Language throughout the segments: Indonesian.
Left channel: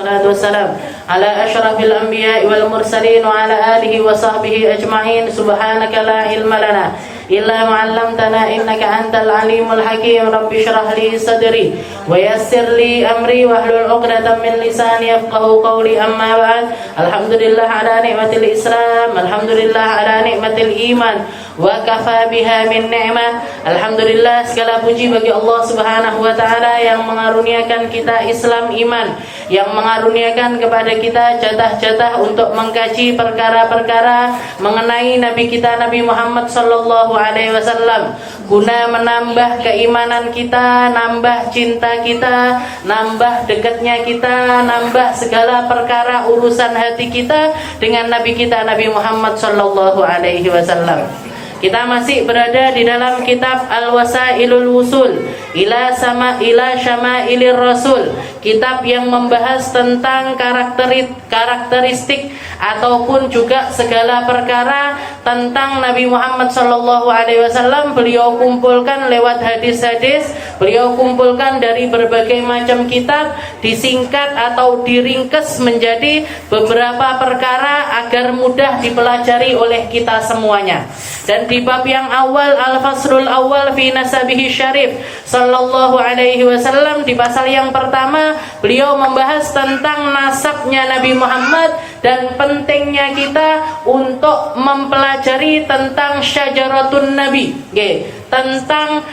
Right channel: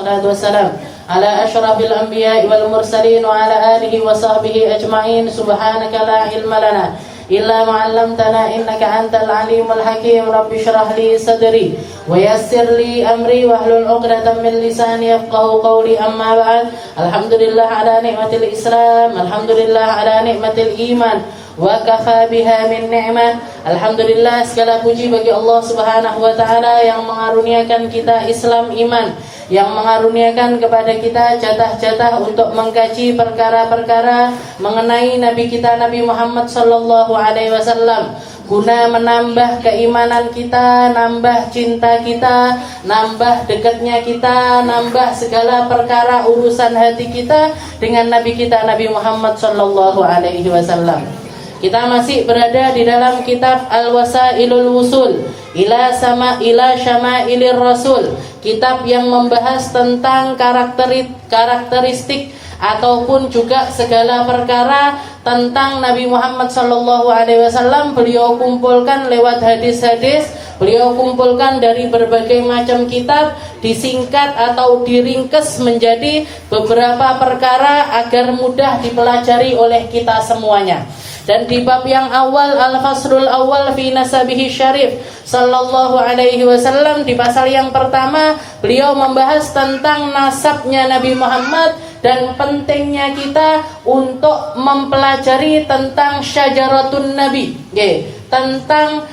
Salatu wassalam ala asyrafil anbiya'i wal mursalin wa ala alihi wa sahbihi ajma'in. Subhanaka la ilma lana illa ma 'allamtana innaka antal alimul hakim. Rabbi shrah li sadri wa yassir li amri wahlul 'uqdatam min lisani yafqahu qawli. Amma ba'd. Alhamdulillah ala ni'matil Islam, alhamdulillah ala ni'matil iman, wa kafa biha min ni'mah. Alhamdulillah, segala puji bagi Allah Subhanahu wa taala yang mengaruniakan kita Islam iman, yang mengaruniakan kepada kita jatah-jatah untuk mengkaji perkara-perkara mengenai Nabi kita Nabi Muhammad sallallahu alaihi wasallam, guna menambah keimanan kita, nambah cinta kita, nambah dekatnya kita, nambah segala perkara urusan hati kita dengan Nabi kita Nabi Muhammad sallallahu alaihi wasallam. Kita masih berada di dalam kitab Al-Wasailul Wusul ila Syamailir Rasul, kitab yang membahas tentang karakteristik ataupun juga segala perkara tentang Nabi Muhammad sallallahu alaihi wasallam. Beliau kumpulkan lewat hadis-hadis, beliau kumpulkan dari berbagai macam kitab, disingkat atau diringkes menjadi beberapa perkara agar mudah dipelajari oleh kita semuanya. Dan di bab yang awal, Al-Faslul Awal fi Nasabihi Syarif sallallahu alaihi wasallam, di pasal yang pertama beliau membahas tentang nasabnya Nabi Muhammad dan pentingnya kita untuk mempelajari tentang syajaratun Nabi, tentang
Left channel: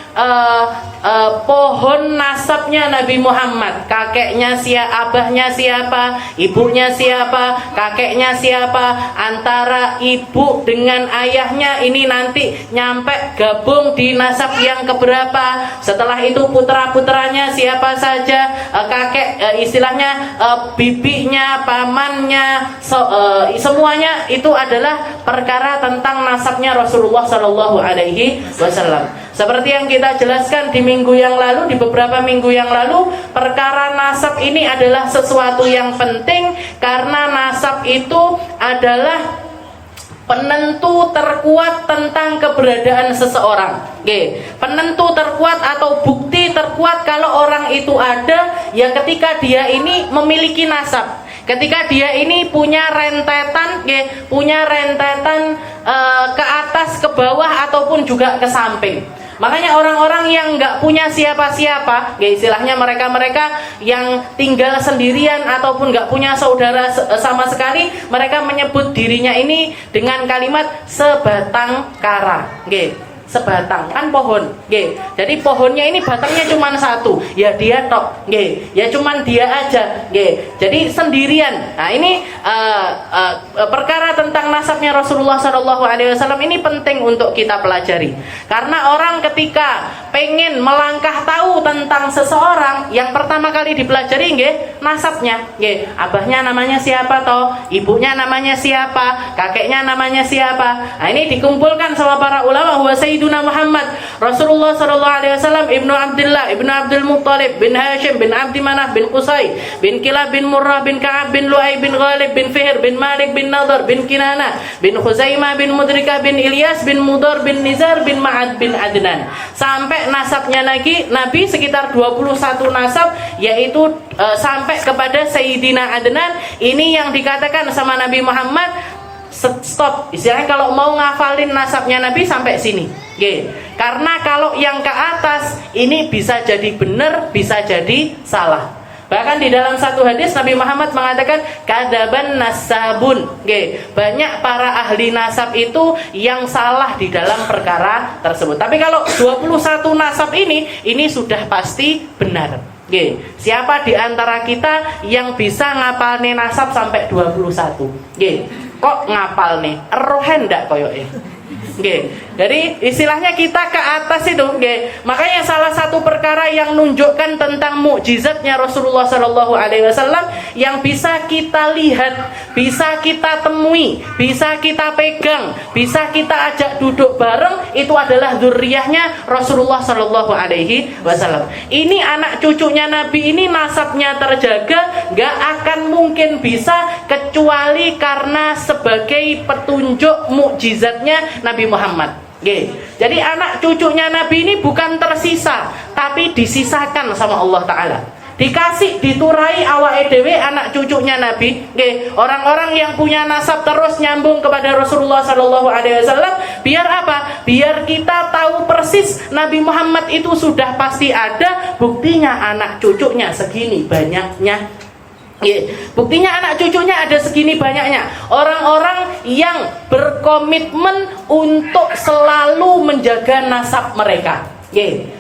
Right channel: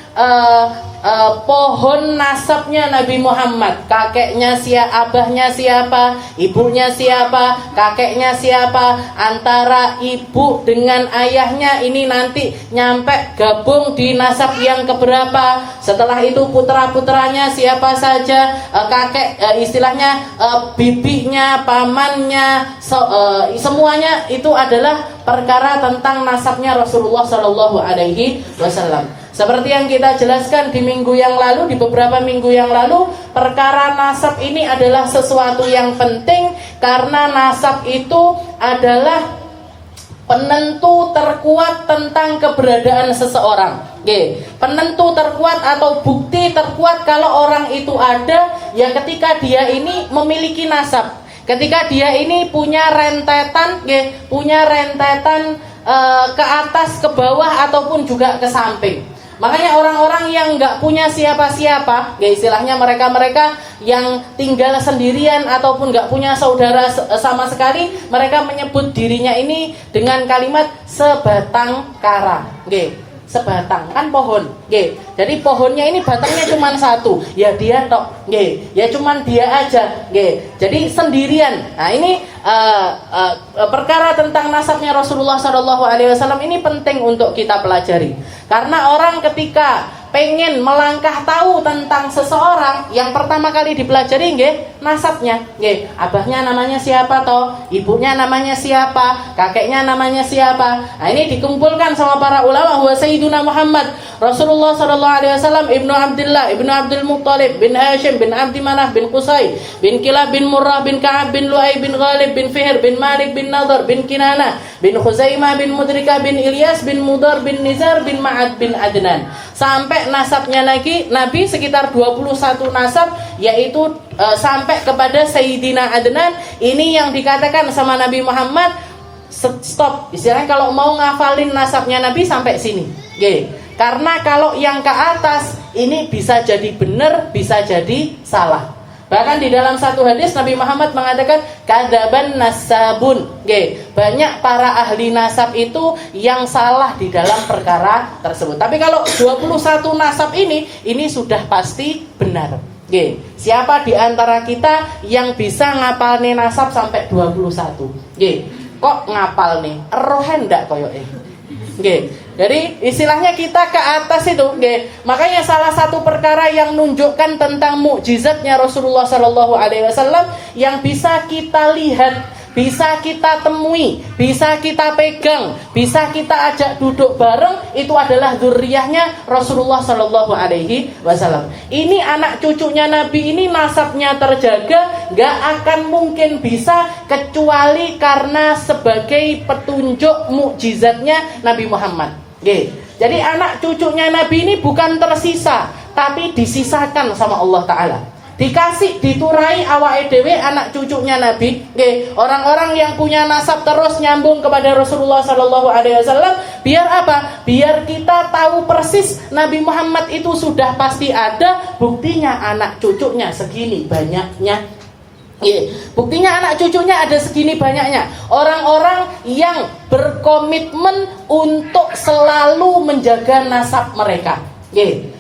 pohon nasabnya Nabi Muhammad. Kakeknya siapa, abahnya siapa, ibunya siapa, kakeknya siapa, antara ibu dengan ayahnya ini nanti nyampe gabung di nasab yang keberapa. Setelah itu putra-putranya siapa saja, kakek istilahnya bibinya, pamannya, semuanya itu adalah perkara tentang nasabnya Rasulullah sallallahu alaihi wasallam. Seperti yang kita jelaskan di minggu yang lalu, di beberapa minggu yang lalu, perkara nasab ini adalah sesuatu yang penting karena nasab itu adalah penentu terkuat tentang keberadaan seseorang. Penentu terkuat atau bukti terkuat kalau orang itu ada ya ketika dia ini memiliki nasab. Ketika dia ini punya rentetan, punya rentetan ke atas, ke bawah ataupun juga ke samping. Makanya orang-orang yang nggak punya siapa-siapa, istilahnya mereka-mereka yang tinggal sendirian ataupun nggak punya saudara sama sekali, mereka menyebut dirinya ini dengan kalimat sebatang kara. Sebatang kan pohon, jadi pohonnya ini batangnya cuma satu, ya dia tok, ya cuma dia aja, jadi sendirian. Nah ini perkara tentang nasabnya Rasulullah SAW ini penting untuk kita pelajari, karena orang ketika pengen melangkah tahu tentang seseorang, yang pertama kali dipelajari nasabnya, abahnya namanya siapa toh, ibunya namanya siapa, kakeknya namanya siapa. Nah ini dikumpulkan sama para ulama, huwa Sayyiduna Muhammad Rasulullah sallallahu alaihi wasallam ibnu Abdullah ibnu Abdul Muttalib bin Hashim bin Abdi Manaf bin Qusay bin Kilab bin Murrah bin Ka'ab bin Lu'ay bin Ghalib bin Fihr bin Malik bin Nadar bin Kinana bin Khuzaimah bin Mudrika bin Ilyas bin Mudar bin Nizar bin Ma'ad bin Adnan. Sampai nasabnya lagi Nabi sekitar 21 nasab, yaitu sampai kepada Sayyidina Adnan. Ini yang dikatakan sama Nabi Muhammad, stop, istilahnya kalau mau ngafalin nasabnya Nabi sampai sini, karena kalau yang ke atas ini bisa jadi benar, bisa jadi salah. Bahkan di dalam satu hadis Nabi Muhammad mengatakan kadzaban nasabun, banyak para ahli nasab itu yang salah di dalam perkara tersebut. Tapi kalau 21 nasab ini sudah pasti benar. Siapa di antara kita yang bisa ngapalne nasab sampai 21? Kok ngapal nih? Rohen ndak koyoke? Jadi istilahnya kita ke atas itu, makanya salah satu perkara yang menunjukkan tentang mukjizatnya Rasulullah Sallallahu Alaihi Wasallam yang bisa kita lihat, bisa kita temui, bisa kita pegang, bisa kita ajak duduk bareng, itu adalah dzurriyyahnya Rasulullah Sallallahu Alaihi Wasallam. Ini anak cucunya Nabi ini nasabnya terjaga, nggak akan mungkin bisa kecuali karena sebagai petunjuk mukjizatnya Nabi Muhammad. Jadi anak cucunya Nabi ini bukan tersisa, tapi disisakan sama Allah Ta'ala. dikasih diturai awake dhewe anak cucunya Nabi, nggih, orang-orang yang punya nasab terus nyambung kepada Rasulullah sallallahu alaihi wasallam, biar apa? Biar kita tahu persis Nabi Muhammad itu sudah pasti ada, buktinya anak cucunya segini banyaknya. Buktinya anak cucunya ada segini banyaknya. Orang-orang yang berkomitmen untuk selalu menjaga nasab mereka.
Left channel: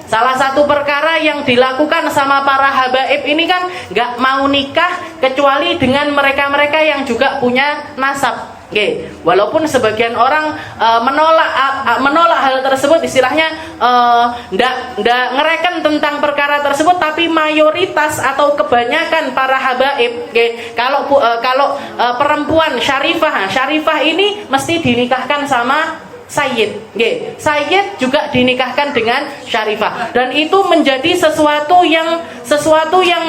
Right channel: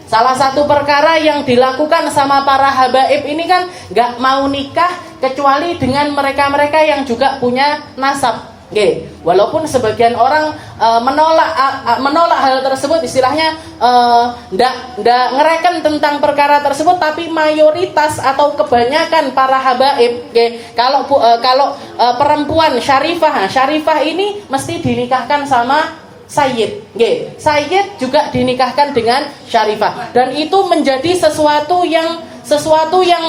Salah satu perkara yang dilakukan sama para habaib ini kan gak mau nikah kecuali dengan mereka-mereka yang juga punya nasab. Walaupun sebagian orang menolak hal tersebut, istilahnya ndak ngereken tentang perkara tersebut, tapi mayoritas atau kebanyakan para habaib, kalau perempuan syarifah ini mesti dinikahkan sama Sayyid. Sayyid juga dinikahkan dengan syarifah, dan itu menjadi sesuatu yang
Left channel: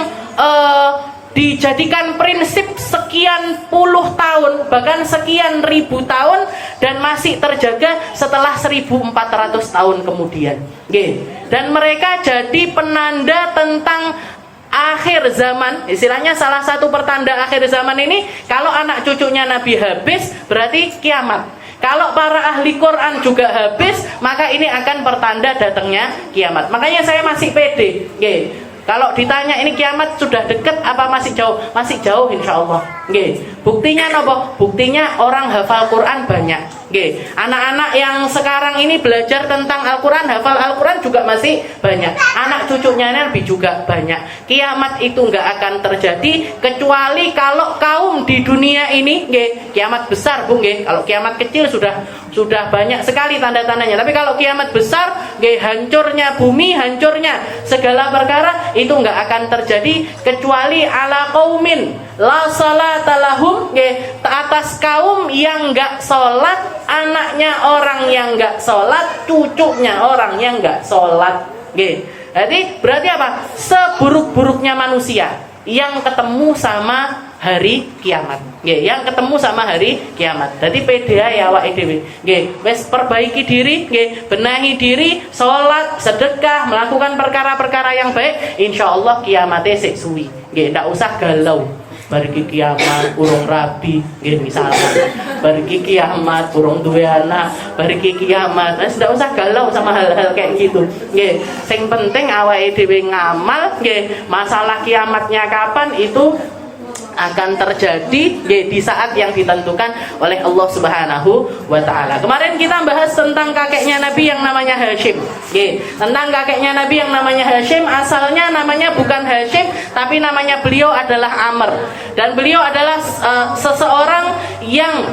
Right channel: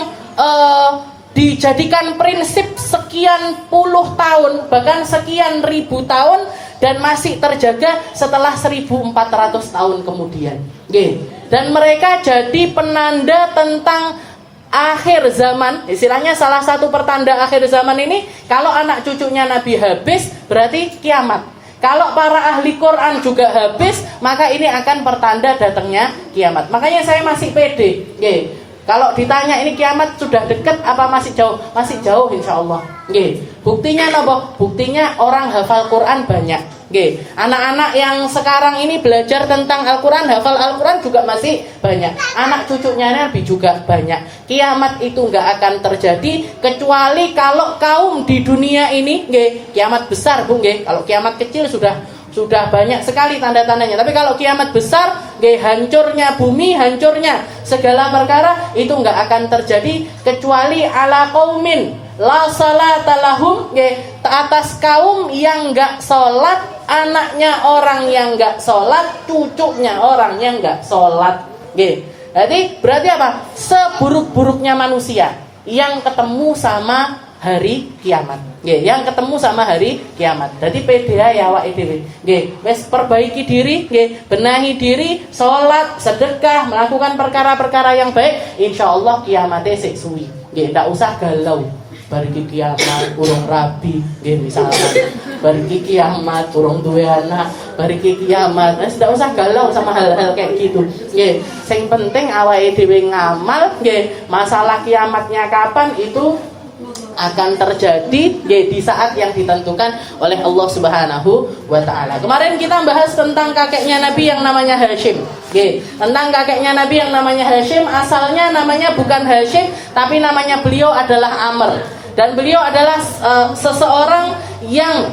dijadikan prinsip sekian puluh tahun, bahkan sekian ribu tahun, dan masih terjaga setelah 1400 tahun kemudian. Dan mereka jadi penanda tentang akhir zaman. Istilahnya salah satu pertanda akhir zaman ini, kalau anak cucunya Nabi habis, berarti kiamat. Kalau para ahli Quran juga habis, maka ini akan pertanda datangnya kiamat. Makanya saya masih pede. Kalau ditanya ini kiamat sudah dekat apa masih jauh? Masih jauh insyaallah. Buktinya apa? Buktinya orang hafal Quran banyak. Anak-anak yang sekarang ini belajar tentang Al-Quran, hafal Al-Quran juga masih banyak. Anak cucunya Nabi juga banyak. Kiamat itu nggak akan terjadi kecuali kalau kaum di dunia ini, kiamat besar, Bu, kalau kiamat kecil sudah banyak sekali tanda-tandanya. Tapi kalau kiamat besar, hancurnya bumi, hancurnya segala perkara, itu nggak akan terjadi kecuali ala qaumin la salata lahum, atas kaum yang nggak sholat, anaknya orang yang nggak sholat, cucunya orang yang nggak sholat. Jadi berarti apa? Seburuk-buruknya manusia yang ketemu sama hari kiamat. Yang ketemu sama hari kiamat. Jadi PDA ya awake dhewe. Wis perbaiki diri, benahi diri, sholat, sedekah, melakukan perkara-perkara yang baik, insyaallah kiamate sik suwi. Ndak usah galau. Bariki kiamat urung rabi, misalnya bariki kiamat urung duwe anak, bariki kiamat, tidak usah galau sama hal-hal kayak gitu. Sing penting awake dhewe ngamal, masalah kiamatnya kapan itu akan terjadi di saat yang ditentukan oleh Allah Subhanahu wa taala. Kemarin kita bahas tentang kakeknya Nabi yang namanya Hashim. Tentang kakeknya Nabi yang namanya Hashim, asalnya namanya bukan Hashim, tapi namanya beliau adalah Amr. Dan beliau adalah seseorang yang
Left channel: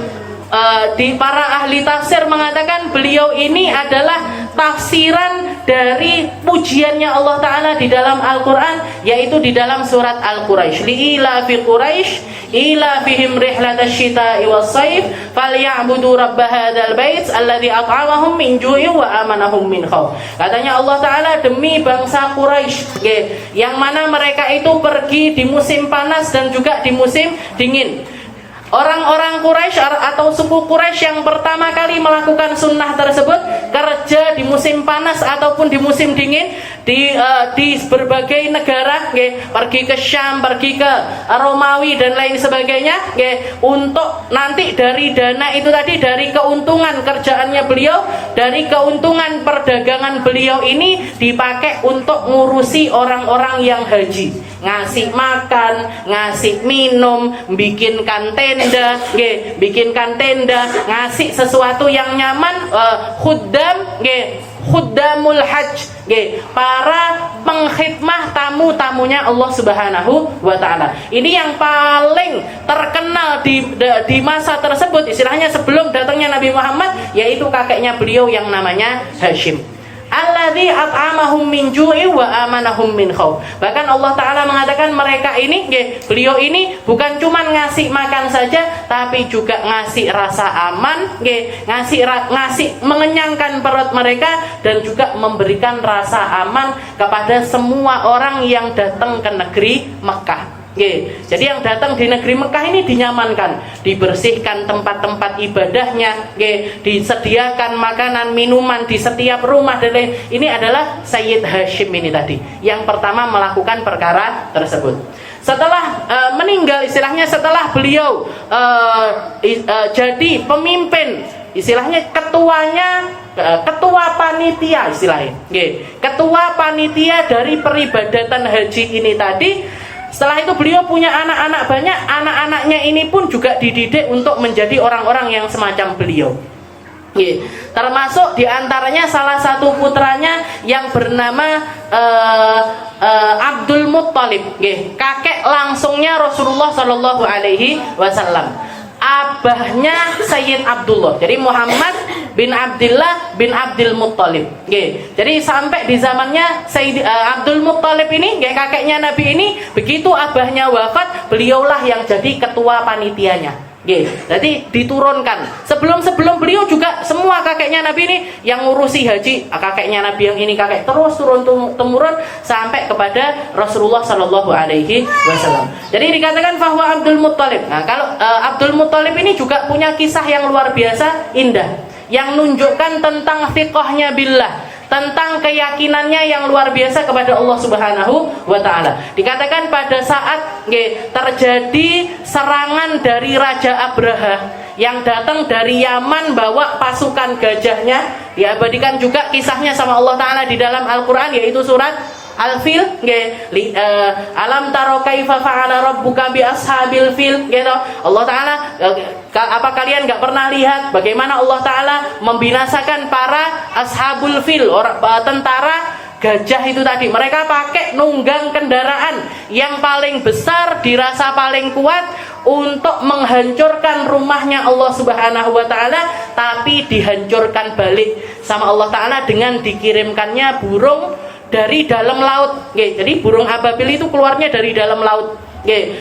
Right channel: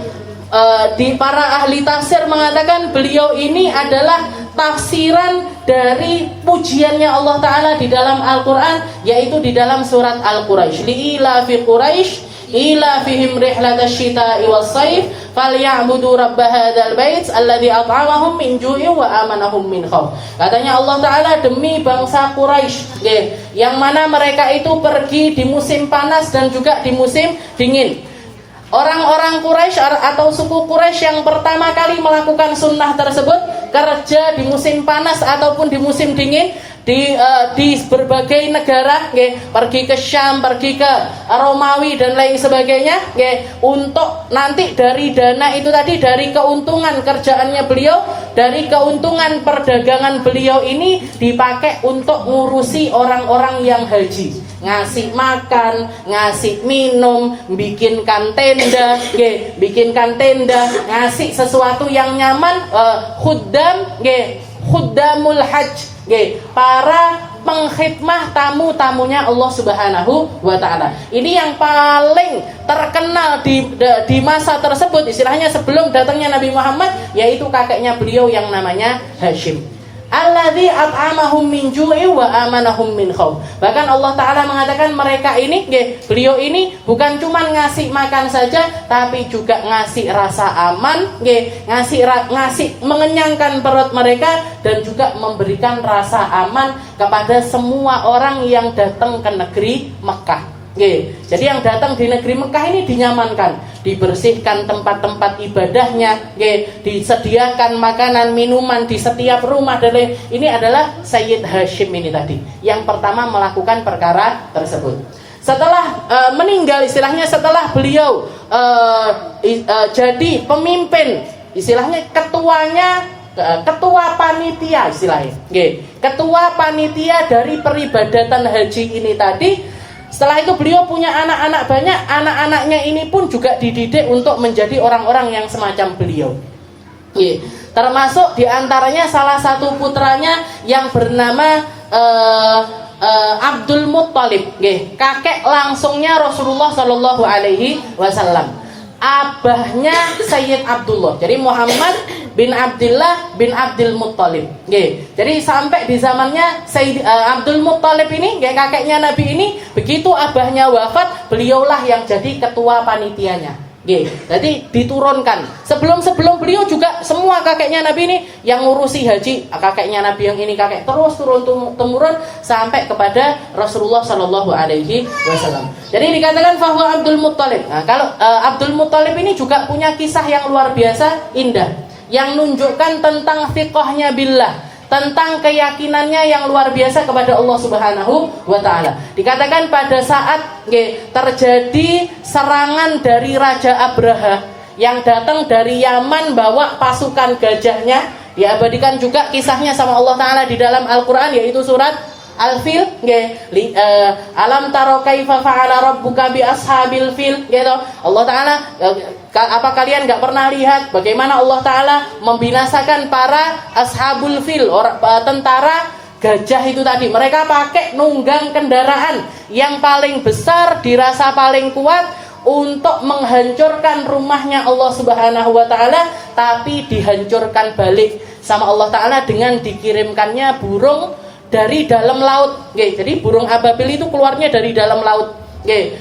di para ahli tafsir mengatakan beliau ini adalah tafsiran dari pujiannya Allah Ta'ala di dalam Al-Quran, yaitu di dalam surat Al-Quraisy. Li'ila fi Quraisy ila fihim rihlatash shita'i was-sayf falyabudu rabb hadzal bait alladzi at'amahum min ju'in wa amanahum min khauf. Katanya Allah Ta'ala, demi bangsa Quraisy, yang mana mereka itu pergi di musim panas dan juga di musim dingin. Orang-orang Quraisy atau suku Quraisy yang pertama kali melakukan sunnah tersebut, kerja di musim panas ataupun di musim dingin di berbagai negara, pergi ke Syam, pergi ke Romawi dan lain sebagainya, untuk nanti dari dana itu tadi, dari keuntungan kerjaannya beliau, dari keuntungan perdagangan beliau ini dipakai untuk ngurusi orang-orang yang haji, ngasih makan, ngasih minum, bikinkan tenda, ngasih sesuatu yang nyaman, khuddamul hajj, para pengkhidmah tamu-tamunya Allah Subhanahu wa taala. Ini yang paling terkenal di masa tersebut, istilahnya sebelum datangnya Nabi Muhammad, yaitu kakeknya beliau yang namanya Hashim. Alladzi at'amahum min ju'i wa amanahum min khauf. Bahkan Allah Ta'ala mengatakan mereka ini, beliau ini bukan cuma ngasih makan saja, tapi juga ngasih rasa aman, ngasih mengenyangkan perut mereka, dan juga memberikan rasa aman kepada semua orang yang datang ke negeri Mekah. Jadi yang datang di negeri Mekah ini dinyamankan, dibersihkan tempat-tempat ibadahnya, disediakan makanan, minuman di setiap rumah dan lain. Ini adalah Sayyid Hashim ini tadi yang pertama melakukan perkara tersebut. Setelah meninggal, istilahnya setelah beliau jadi pemimpin, istilahnya ketua panitia istilahnya, ketua panitia dari peribadatan haji ini tadi. Setelah itu beliau punya anak-anak banyak, anak-anaknya ini pun juga dididik untuk menjadi orang-orang yang semacam beliau. Termasuk diantaranya salah satu putranya yang bernama Abdul Muttalib, kakek langsungnya Rasulullah Shallallahu Alaihi Wasallam. Abahnya Sayyid Abdullah, jadi Muhammad bin Abdullah bin Abdul Muttalib. Jadi sampai di zamannya Sayyid Abdul Muttalib ini, kakeknya Nabi ini, begitu abahnya wafat, beliaulah yang jadi ketua panitianya. Jadi diturunkan. Sebelum beliau juga semua kakeknya Nabi ini yang ngurusi haji, kakeknya Nabi yang ini kakek terus turun temurun sampai kepada Rasulullah Shallallahu Alaihi Wasallam. Jadi dikatakan bahwa Abdul Muttalib. Nah, kalau Abdul Muttalib ini juga punya kisah yang luar biasa indah, yang menunjukkan tentang thiqahnya billah, tentang keyakinannya yang luar biasa kepada Allah Subhanahu wa Ta'ala. Dikatakan pada saat terjadi serangan dari Raja Abraha yang datang dari Yaman bawa pasukan gajahnya, diabadikan juga kisahnya sama Allah Ta'ala di dalam Al-Quran, yaitu surat Al-Fil, alam taro kaifa fa'ala rabbuka bi ashabil fil, gitu. Allah Ta'ala, apa kalian enggak pernah lihat bagaimana Allah Ta'ala membinasakan para ashabul fil, tentara gajah itu tadi. Mereka pakai nunggang kendaraan yang paling besar, dirasa paling kuat untuk menghancurkan rumahnya Allah Subhanahu wa Ta'ala, tapi dihancurkan balik sama Allah Ta'ala dengan dikirimkannya burung dari dalam laut. Jadi burung ababil itu keluarnya dari dalam laut.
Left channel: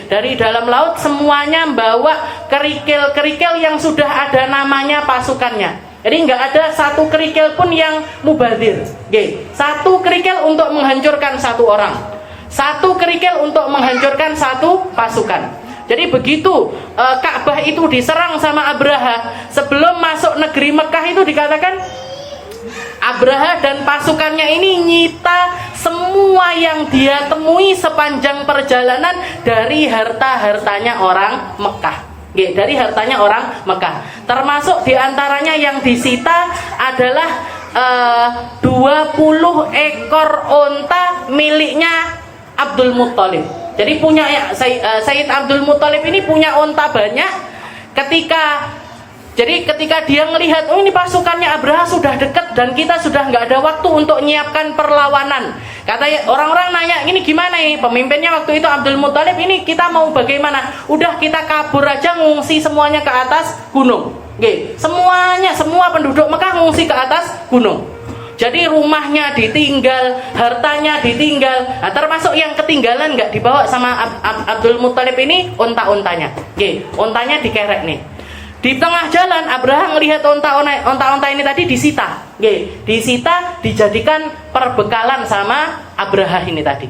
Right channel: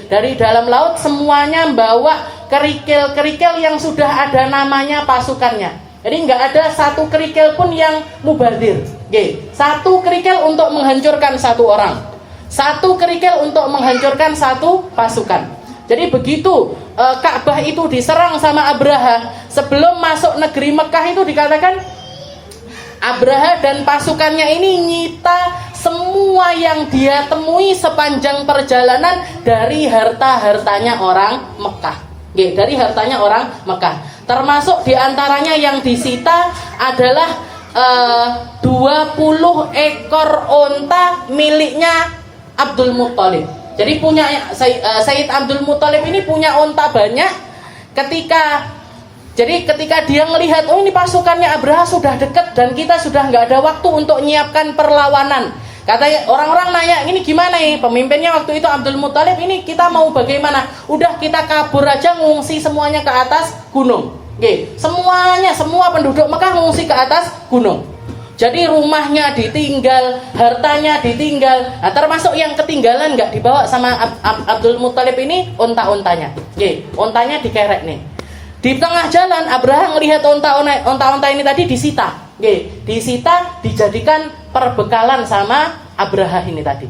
Dari dalam laut semuanya membawa kerikil-kerikil yang sudah ada namanya pasukannya. Jadi nggak ada satu kerikil pun yang mubadir. Satu kerikil untuk menghancurkan satu orang, satu kerikil untuk menghancurkan satu pasukan. Jadi begitu Ka'bah itu diserang sama Abraha, sebelum masuk negeri Mekah itu dikatakan Abraha dan pasukannya ini nyita semua yang dia temui sepanjang perjalanan dari harta-hartanya orang Mekah. Dari hartanya orang Mekah. Termasuk diantaranya yang disita adalah 20 ekor onta miliknya Abdul Muttalib. Jadi punya Sayyid Abdul Muttalib ini punya onta banyak. Ketika dia melihat, oh ini pasukannya Abraha sudah dekat dan kita sudah nggak ada waktu untuk menyiapkan perlawanan. Katanya orang-orang nanya, ini gimana nih? Pemimpinnya waktu itu Abdul Muttalib, ini kita mau bagaimana? Udah kita kabur aja, ngungsi semuanya ke atas gunung. Semua penduduk Mekah ngungsi ke atas gunung. Jadi rumahnya ditinggal, hartanya ditinggal. Nah, termasuk yang ketinggalan nggak dibawa sama Abdul Muttalib ini onta-ontanya. Ontanya dikerek nih. Di tengah jalan Abraha melihat onta-onta ini tadi disita. Disita, dijadikan perbekalan sama Abraha ini tadi.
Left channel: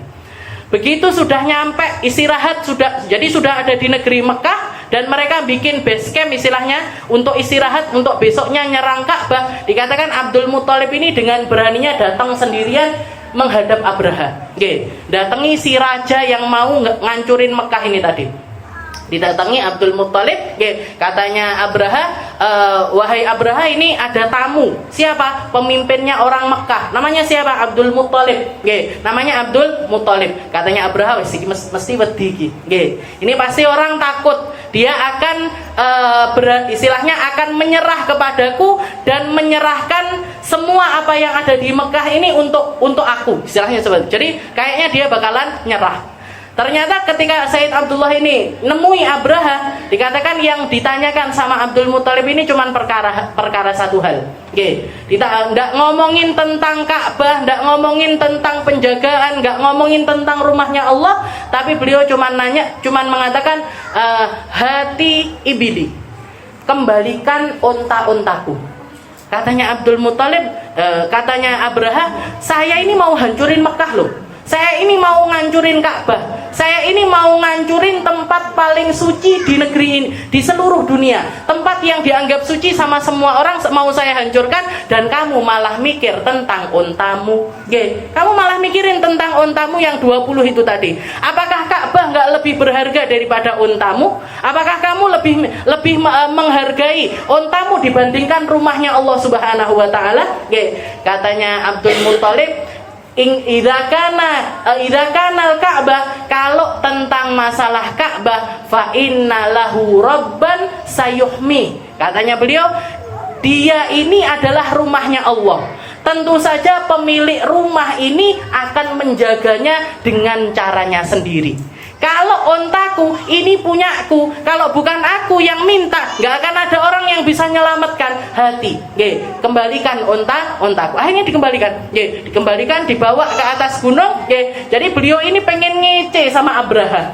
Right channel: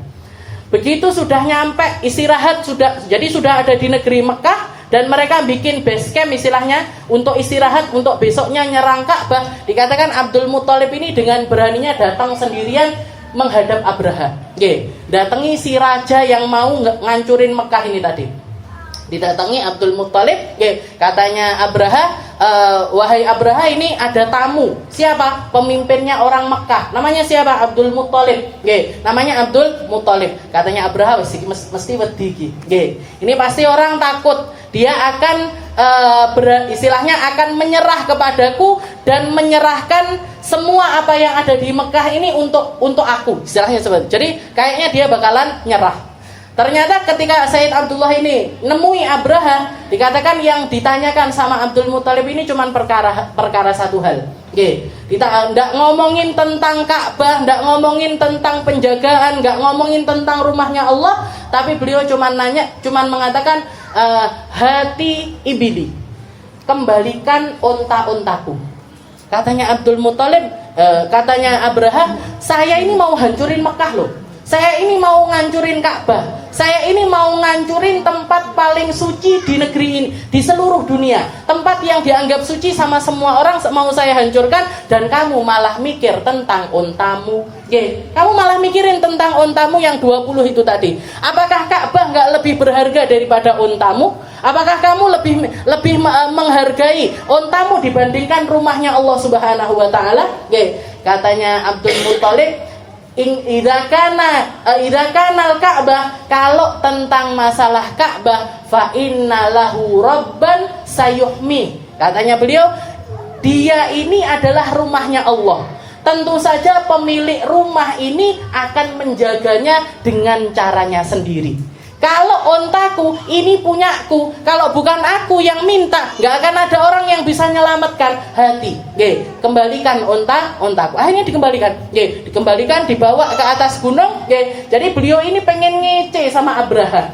Begitu sudah nyampe istirahat, sudah ada di negeri Mekah dan mereka bikin base camp istilahnya untuk istirahat, untuk besoknya nyerang Ka'bah. Dikatakan Abdul Muttalib ini dengan beraninya datang sendirian menghadap Abraha. Datangi si raja yang mau ngancurin Mekah ini tadi. Didatangi Abdul Muttalib, katanya Abraha, wahai Abraha, ini ada tamu. Siapa? Pemimpinnya orang Mekah. Namanya siapa? Abdul Muttalib. Namanya Abdul Muttalib. Katanya Abraha, mesti wedi. Ini pasti orang takut. Dia akan istilahnya akan menyerah kepadaku dan menyerahkan semua apa yang ada di Mekah ini untuk aku. Istilahnya seperti. Jadi kayaknya dia bakalan nyerah. Ternyata ketika Sayyid Abdullah ini nemui Abraha, dikatakan yang ditanyakan sama Abdul Muttalib ini cuma perkara satu hal. Kita enggak ngomongin tentang Ka'bah, enggak ngomongin tentang penjagaan, enggak ngomongin tentang rumahnya Allah, tapi beliau cuma mengatakan hati ibili, kembalikan onta-ontaku. Katanya Abdul Muttalib, katanya Abraha, saya ini mau hancurin Mekah loh. Saya ini mau ngancurin Ka'bah. saya ini mau ngancurin tempat paling suci di negeri ini, di seluruh dunia. Tempat yang dianggap suci sama semua orang mau saya hancurkan, dan kamu malah mikir tentang ontamu. Kamu malah mikirin tentang ontamu yang 20 itu tadi. Apakah Ka'bah nggak lebih berharga daripada ontamu? Apakah kamu lebih menghargai ontamu dibandingkan rumahnya Allah Subhanahu wa taala? Katanya Abdul Muthalib, idza kana Ka'bah, kalau tentang masalah Ka'bah, fa inna lahu rabban sayuhmi. Katanya beliau, dia ini adalah rumahnya Allah. Tentu saja pemilik rumah ini akan menjaganya dengan caranya sendiri. Kalau ontaku ini punyaku, kalau bukan aku yang minta, nggak akan ada orang yang bisa menyelamatkan. Hati, kembalikan ontaku. Akhirnya dikembalikan, dibawa ke atas gunung. Jadi beliau ini pengen ngece sama Abraha.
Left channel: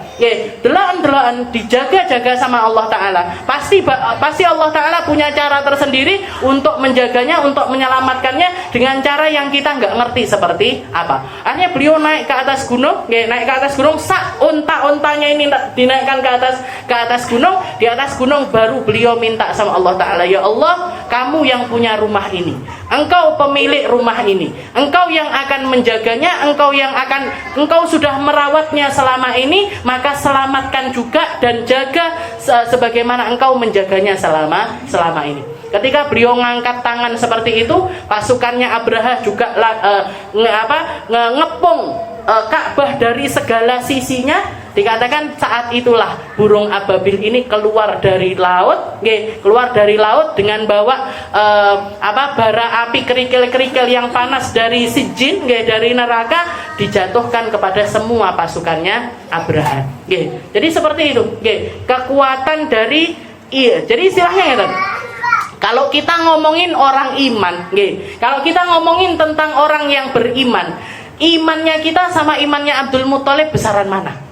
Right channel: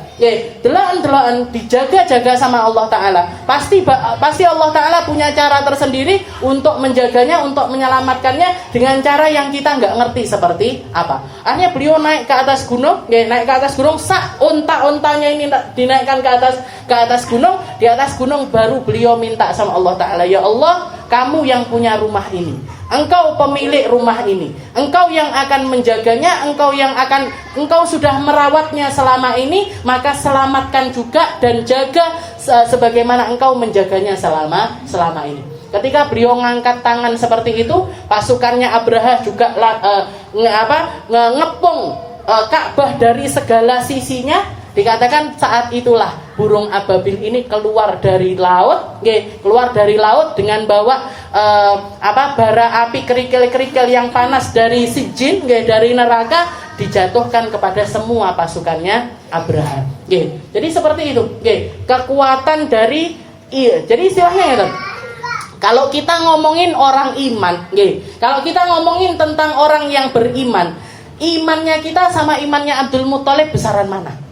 Delaan dijaga-jaga sama Allah Taala. Pasti Allah Taala punya cara tersendiri untuk menjaganya, untuk menyelamatkannya dengan cara yang kita nggak ngerti seperti apa. Akhirnya beliau naik ke atas gunung, ontanya ini dinaikkan ke atas gunung. Di atas gunung baru beliau minta sama Allah Ta'ala, ya Allah, kamu yang punya rumah ini, engkau pemilik rumah ini, engkau yang akan menjaganya, engkau sudah merawatnya selama ini, maka selamatkan juga dan jaga sebagaimana engkau menjaganya selama ini. Ketika beliau ngangkat tangan seperti itu, pasukannya Abraha juga ngepung Ka'bah dari segala sisinya. Dikatakan saat itulah burung ababil ini keluar dari laut, dengan bawa bara api kerikil-kerikil yang panas dari Sijin, dari neraka, dijatuhkan kepada semua pasukannya Abraha. Jadi seperti itu, kekuatan dari jadi istilahnya itu. Kalau kita ngomongin orang iman, kalau kita ngomongin tentang orang yang beriman, imannya kita sama imannya Abdul Muthalib besaran mana?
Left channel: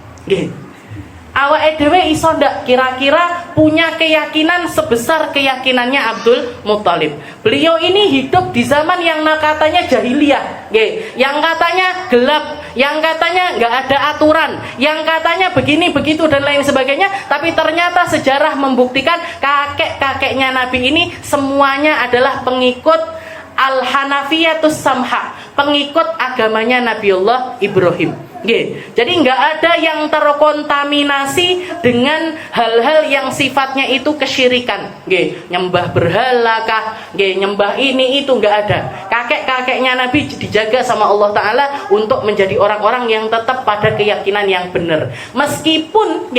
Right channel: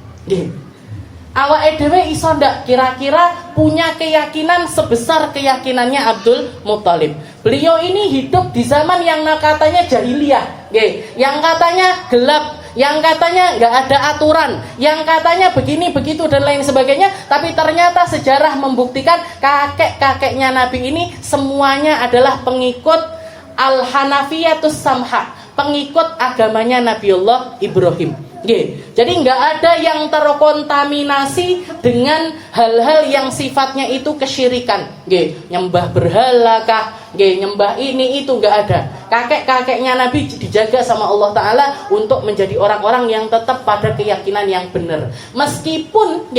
Awake dhewe iso ndak kira-kira punya keyakinan sebesar keyakinannya Abdul Muthalib. Beliau ini hidup di zaman yang katanya jahiliyah, yang katanya gelap, yang katanya nggak ada aturan, yang katanya begini begitu dan lain sebagainya. Tapi ternyata sejarah membuktikan kakek-kakeknya Nabi ini semuanya adalah pengikut Al-Hanafiyatus Samha, pengikut agamanya Nabiullah Ibrahim. Jadi nggak ada yang terkontaminasi dengan hal-hal yang sifatnya itu kesyirikan. Nyembah berhala kah, nyembah ini itu nggak ada. Kakek-kakeknya Nabi dijaga sama Allah Ta'ala untuk menjadi orang-orang yang tetap pada keyakinan yang benar, meskipun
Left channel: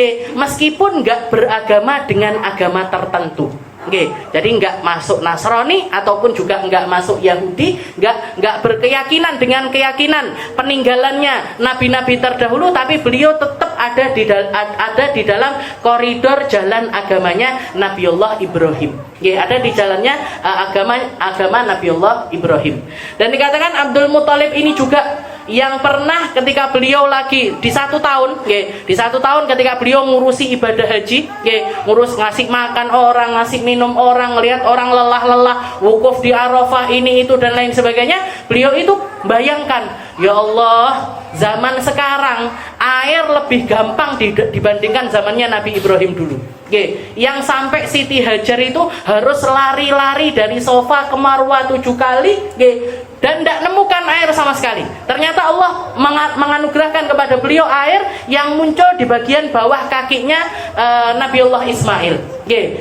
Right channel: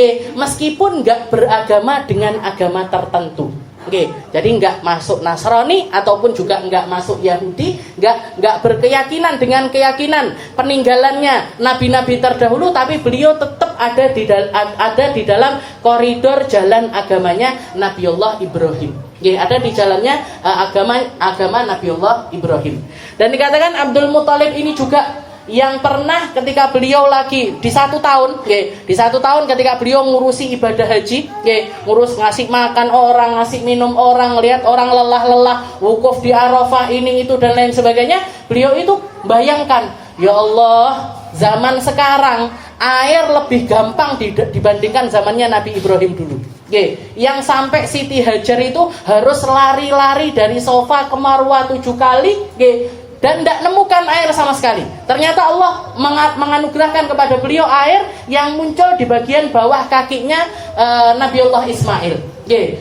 nggak beragama dengan agama tertentu. Jadi nggak masuk Nasrani ataupun juga nggak masuk Yahudi, nggak berkeyakinan dengan keyakinan peninggalannya nabi-nabi terdahulu, tapi beliau tetap ada di dalam koridor jalan agamanya Nabiullah Ibrahim. Ada di jalannya agama Nabiullah Ibrahim. Dan dikatakan Abdul Muthalib ini juga yang pernah ketika beliau lagi di satu tahun ketika beliau ngurusi ibadah haji, ngurus ngasih makan orang, ngasih minum orang, lihat orang lelah-lelah, wukuf di Arafah ini itu dan lain sebagainya, beliau itu bayangkan, ya Allah, zaman sekarang air lebih gampang dibandingkan zamannya Nabi Ibrahim dulu. Yang sampai Siti Hajar itu harus lari-lari dari sofa ke Marwah 7 kali, dan tidak nemukan air sama sekali. Ternyata Allah menganugerahkan kepada beliau air yang muncul di bagian bawah kakinya Nabiullah Ismail.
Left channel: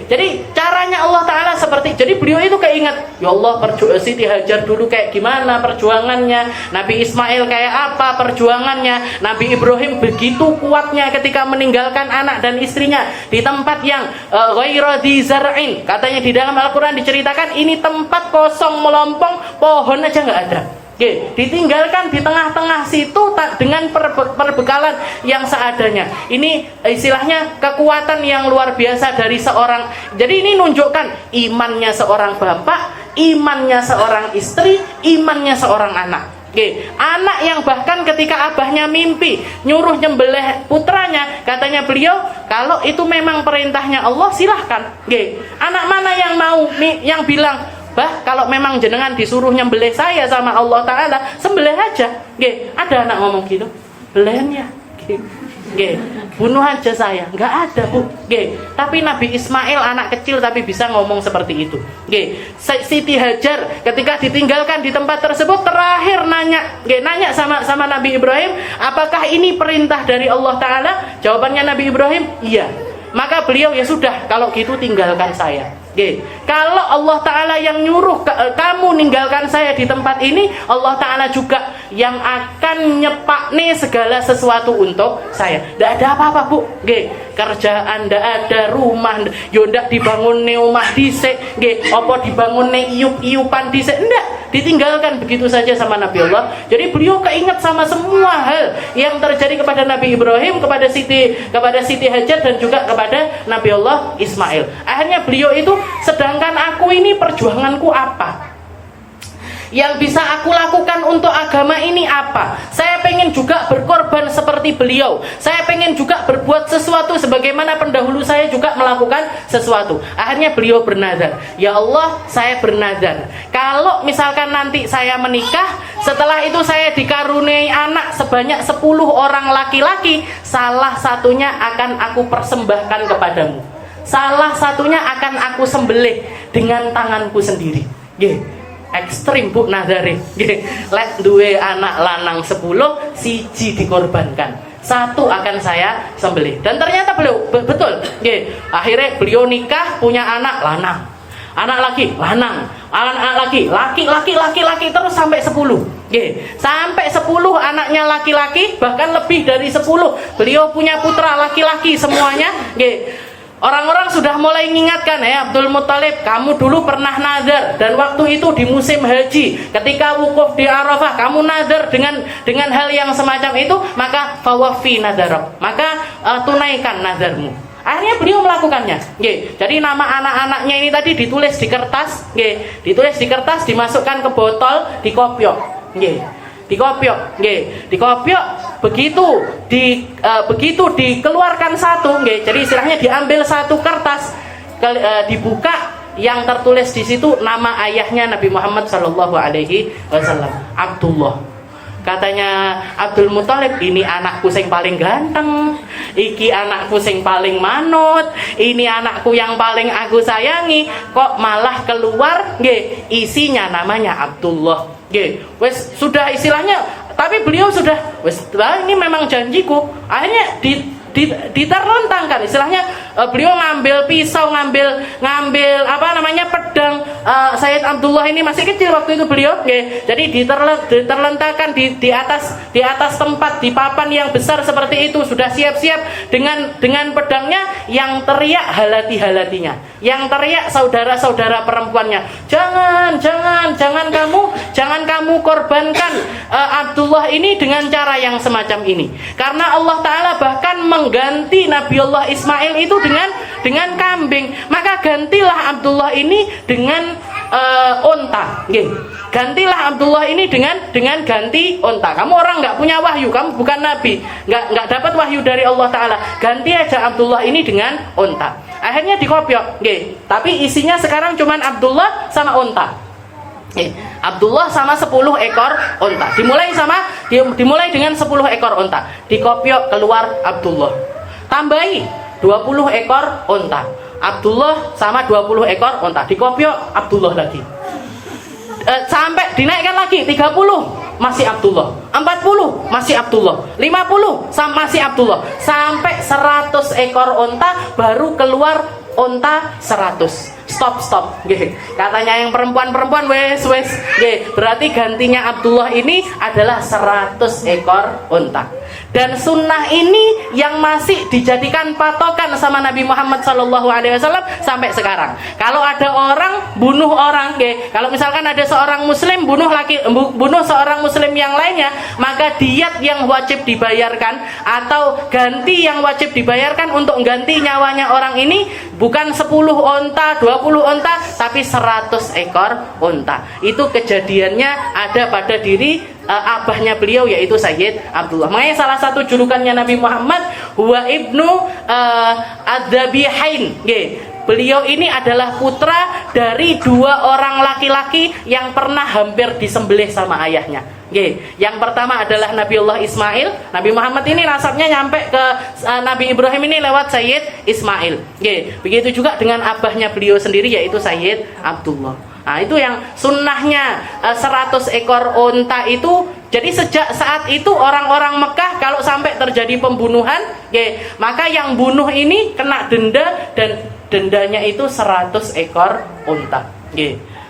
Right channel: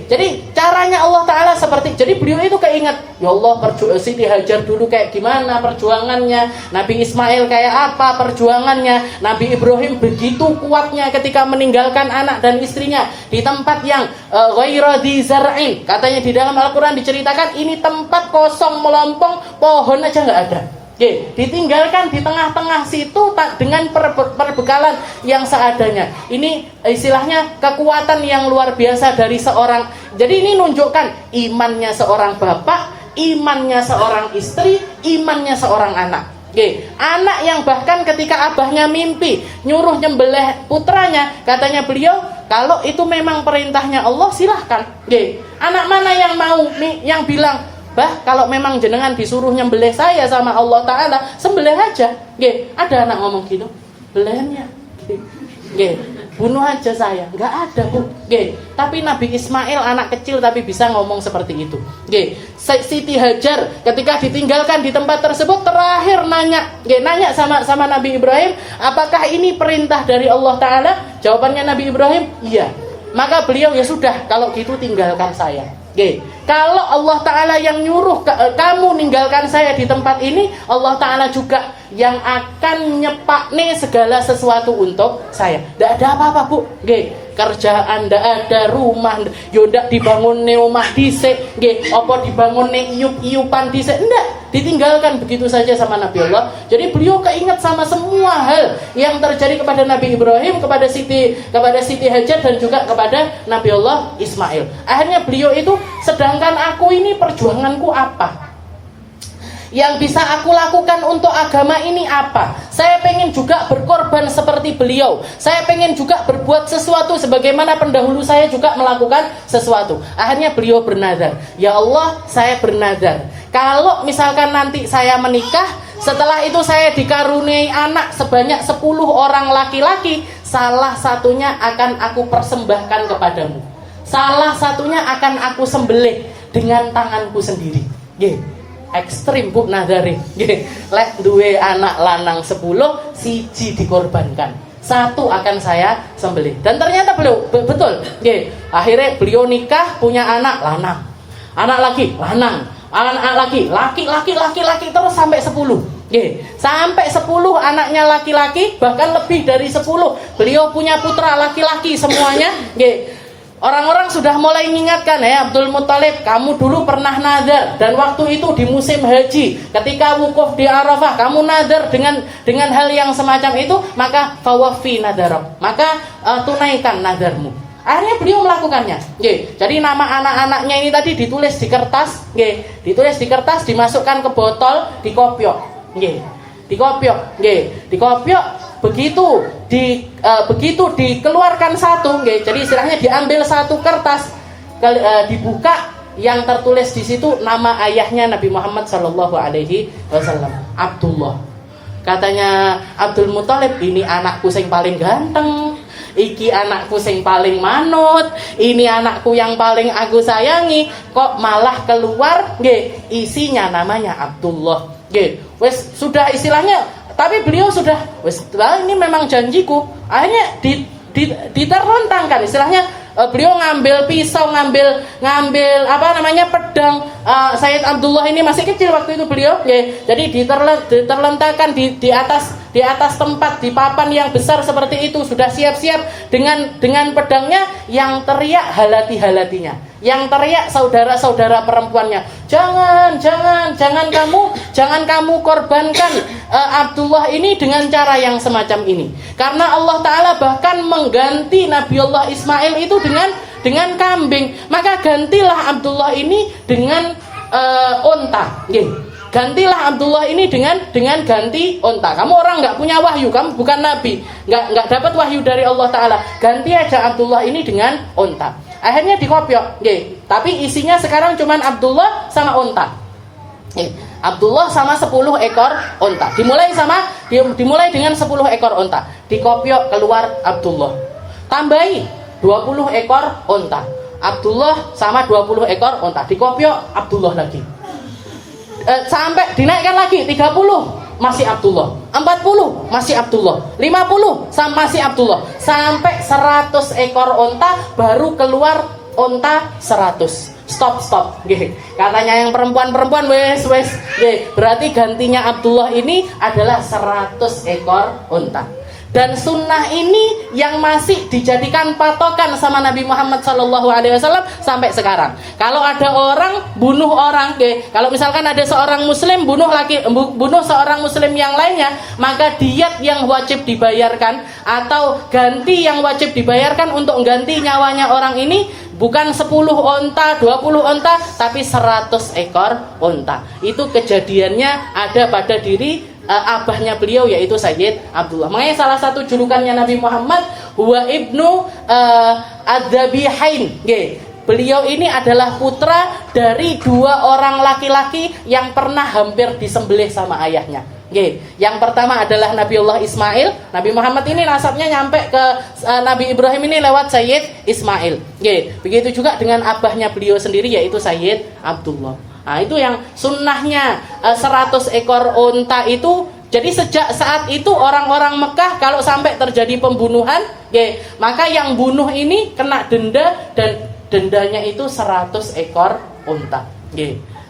Jadi caranya Allah Ta'ala seperti, jadi beliau itu keinget, ya Allah, Siti Hajar dulu kayak gimana perjuangannya, Nabi Ismail kayak apa perjuangannya, Nabi Ibrahim begitu kuatnya ketika meninggalkan anak dan istrinya di tempat yang ghairu dzi zar'in. Katanya di dalam Al-Quran diceritakan ini tempat kosong melompong, pohon aja nggak ada. Ditinggalkan di tengah-tengah situ dengan perbekalan yang seadanya. Ini istilahnya kekuatan yang luar biasa dari seorang. Jadi ini nunjukkan imannya seorang bapak, imannya seorang istri, imannya seorang anak. Anak yang bahkan ketika abahnya mimpi nyuruh nyembelih putranya, katanya beliau, kalau itu memang perintahnya Allah silahkan. Anak mana yang mau, yang bilang, bah, kalau memang jenengan disuruh nyembelih saya sama Allah Ta'ala, sembelih aja. Ada anak ngomong gitu, beliannya. Nggih. Bunuh aja saya, nggak ada Bu. Nggih. Tapi Nabi Ismail anak kecil tapi bisa ngomong seperti itu. Nggih. Siti Hajar ketika ditinggalkan di tempat tersebut terakhir nanya, nanya sama Nabi Ibrahim, apakah ini perintah dari Allah Taala? Jawabannya Nabi Ibrahim, iya. Maka beliau, ya sudah, kalau gitu tinggalkan saya. Oke. Kalau Allah Ta'ala yang nyuruh kamu ninggalkan saya di tempat ini, Allah Ta'ala juga yang akan nyepakne segala sesuatu untuk saya. Tidak ada apa-apa Bu. Oke. Kerjaan tidak ada, rumah yo ndak dibangun omah dhisik, nggih, apa dibangun iup-iupan dhisik, ndak, ditinggalkan begitu saja sama Nabi Allah. Jadi beliau keinget sama semua hal yang terjadi kepada Nabi Ibrahim, kepada Siti Hajar dan juga kepada Nabi Allah Ismail. Akhirnya beliau itu, sedangkan aku ini perjuanganku apa? Yang bisa aku lakukan untuk agama ini apa? Saya pengen juga berkorban seperti beliau. Saya pengen juga berbuat sesuatu sebagaimana pendahulu saya juga melakukan sesuatu. Akhirnya beliau bernazar, ya Allah, saya bernazar, kalau misalkan nanti saya menikah, setelah itu saya dikaruniai anak sebanyak 10 orang laki-laki, salah satunya akan aku persembahkan kepadamu. Salah satunya akan aku sembelih dengan tanganku sendiri. Ekstrim Bu nazare. Lek duwe anak lanang 10, siji dikorbankan, satu akan saya sembelih. Dan ternyata beliau betul. Akhirnya beliau nikah, punya anak lanang, anak laki lanang, anak laki terus sampai 10. Sampai 10 anaknya laki-laki, bahkan lebih dari 10. Beliau punya putra laki-laki semuanya. Orang-orang sudah mulai mengingatkan, Abdul Muthalib, kamu dulu pernah nadar, dan waktu itu di musim haji, ketika wukuf di Arafah, kamu nadar dengan hal yang semacam itu, maka fawafi nadarab, maka tunaikan nadarmu. Akhirnya beliau melakukannya. Jadi nama anak-anaknya ini tadi ditulis di kertas, ditulis di kertas, dimasukkan ke botol, dikopiok, dikopiok. Begitu dikeluarkan satu, jadi istilahnya diambil satu kertas, dibuka, yang tertulis di situ nama ayahnya Nabi Muhammad Sallallahu Alaihi Wasallam, Abdullah. Katanya Abdul Muthalib, ini anakku yang paling ganteng, iki anakku yang paling manut, ini anakku yang paling aku sayangi, kok malah keluar isinya namanya Abdullah. Wes sudah istilahnya. Tapi beliau sudah, ini memang janjiku. Akhirnya diterlontangkan istilahnya. Beliau ngambil pisau, ngambil pedang. Sayyid Abdullah ini masih kecil waktu itu beliau, jadi diterlentangkan di atas tempat, di papan yang besar seperti itu, sudah siap-siap dengan pedangnya. Yang teriak halatinya, yang teriak saudara-saudara perempuannya, jangan kamu korbankan Abdullah ini dengan cara yang semacam ini, karena Allah Ta'ala bahkan mengganti Nabi Allah Ismail itu dengan kambing, maka gantilah Abdullah ini dengan onta. Gantilah Abdullah ini dengan ganti onta. Kamu orang nggak punya wahyu, kamu bukan nabi, nggak dapat wahyu dari Allah Ta'ala, ganti aja Abdullah ini dengan onta. Akhirnya dikopiok, tapi isinya sekarang cuman Abdullah sama onta. Abdullah sama 10 ekor onta. Dimulai dengan 10 ekor onta. Dikopiok, keluar Abdullah. Tambahi 20 ekor onta. Abdullah sama 20 ekor onta. Dikopiok, Abdullah lagi. Sampai dinaikkan lagi 30, masih Abdullah. 40 masih Abdullah. 50 masih Abdullah. Sampai 100 ekor onta, baru keluar onta 100. Stop. Katanya yang perempuan wes. Berarti gantinya Abdullah ini adalah 100 ekor onta. Dan sunnah ini yang masih dijadikan patokan sama Nabi Muhammad SAW sampai sekarang. Kalau ada orang bunuh orang, kalau misalkan ada seorang muslim bunuh seorang muslim yang lainnya, maka diyat yang wajib dibayarkan atau ganti yang wajib dibayarkan untuk ganti nyawanya orang ini bukan 10 onta, 20 onta, tapi 100 ekor onta. Itu kejadiannya ada pada diri abahnya beliau, yaitu Sayyid Abdullah. Makanya salah satu julukannya Nabi Muhammad, huwa ibnu adzabihain. Beliau ini adalah putra dari 2 orang laki-laki yang pernah hampir disembelih sama ayahnya. Yang pertama adalah Nabiullah Ismail. Nabi Muhammad ini nasabnya nyampe ke Nabi Ibrahim ini lewat Sayyid Ismail. Begitu juga dengan abahnya beliau sendiri yaitu Sayyid Abdullah. Nah, itu yang sunnahnya 100 ekor unta itu. Jadi sejak saat itu orang-orang Mekah kalau sampai terjadi pembunuhan, maka yang bunuh ini kena denda, dan dendanya itu 100 ekor unta.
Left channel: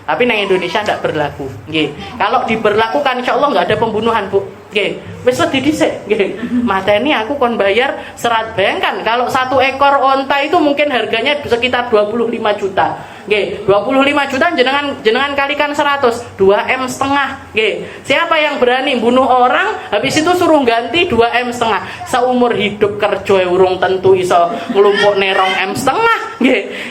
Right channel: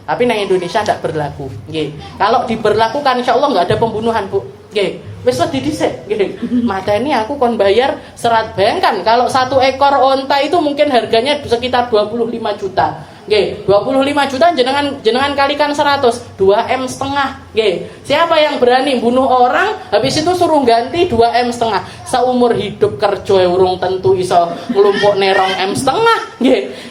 Tapi di Indonesia tidak berlaku. Kalau diberlakukan insya Allah nggak ada pembunuhan, Bu. Wis wedi dhisik. Mateni aku kon bayar serat. Bayangkan kalau 1 ekor unta itu mungkin harganya sekitar 25 juta. 25 juta jenengan kalikan 100, 2 M setengah. Siapa yang berani bunuh orang habis itu suruh ganti 2 M setengah? Seumur hidup kerja urung tentu iso ngelumpuk nerong M setengah.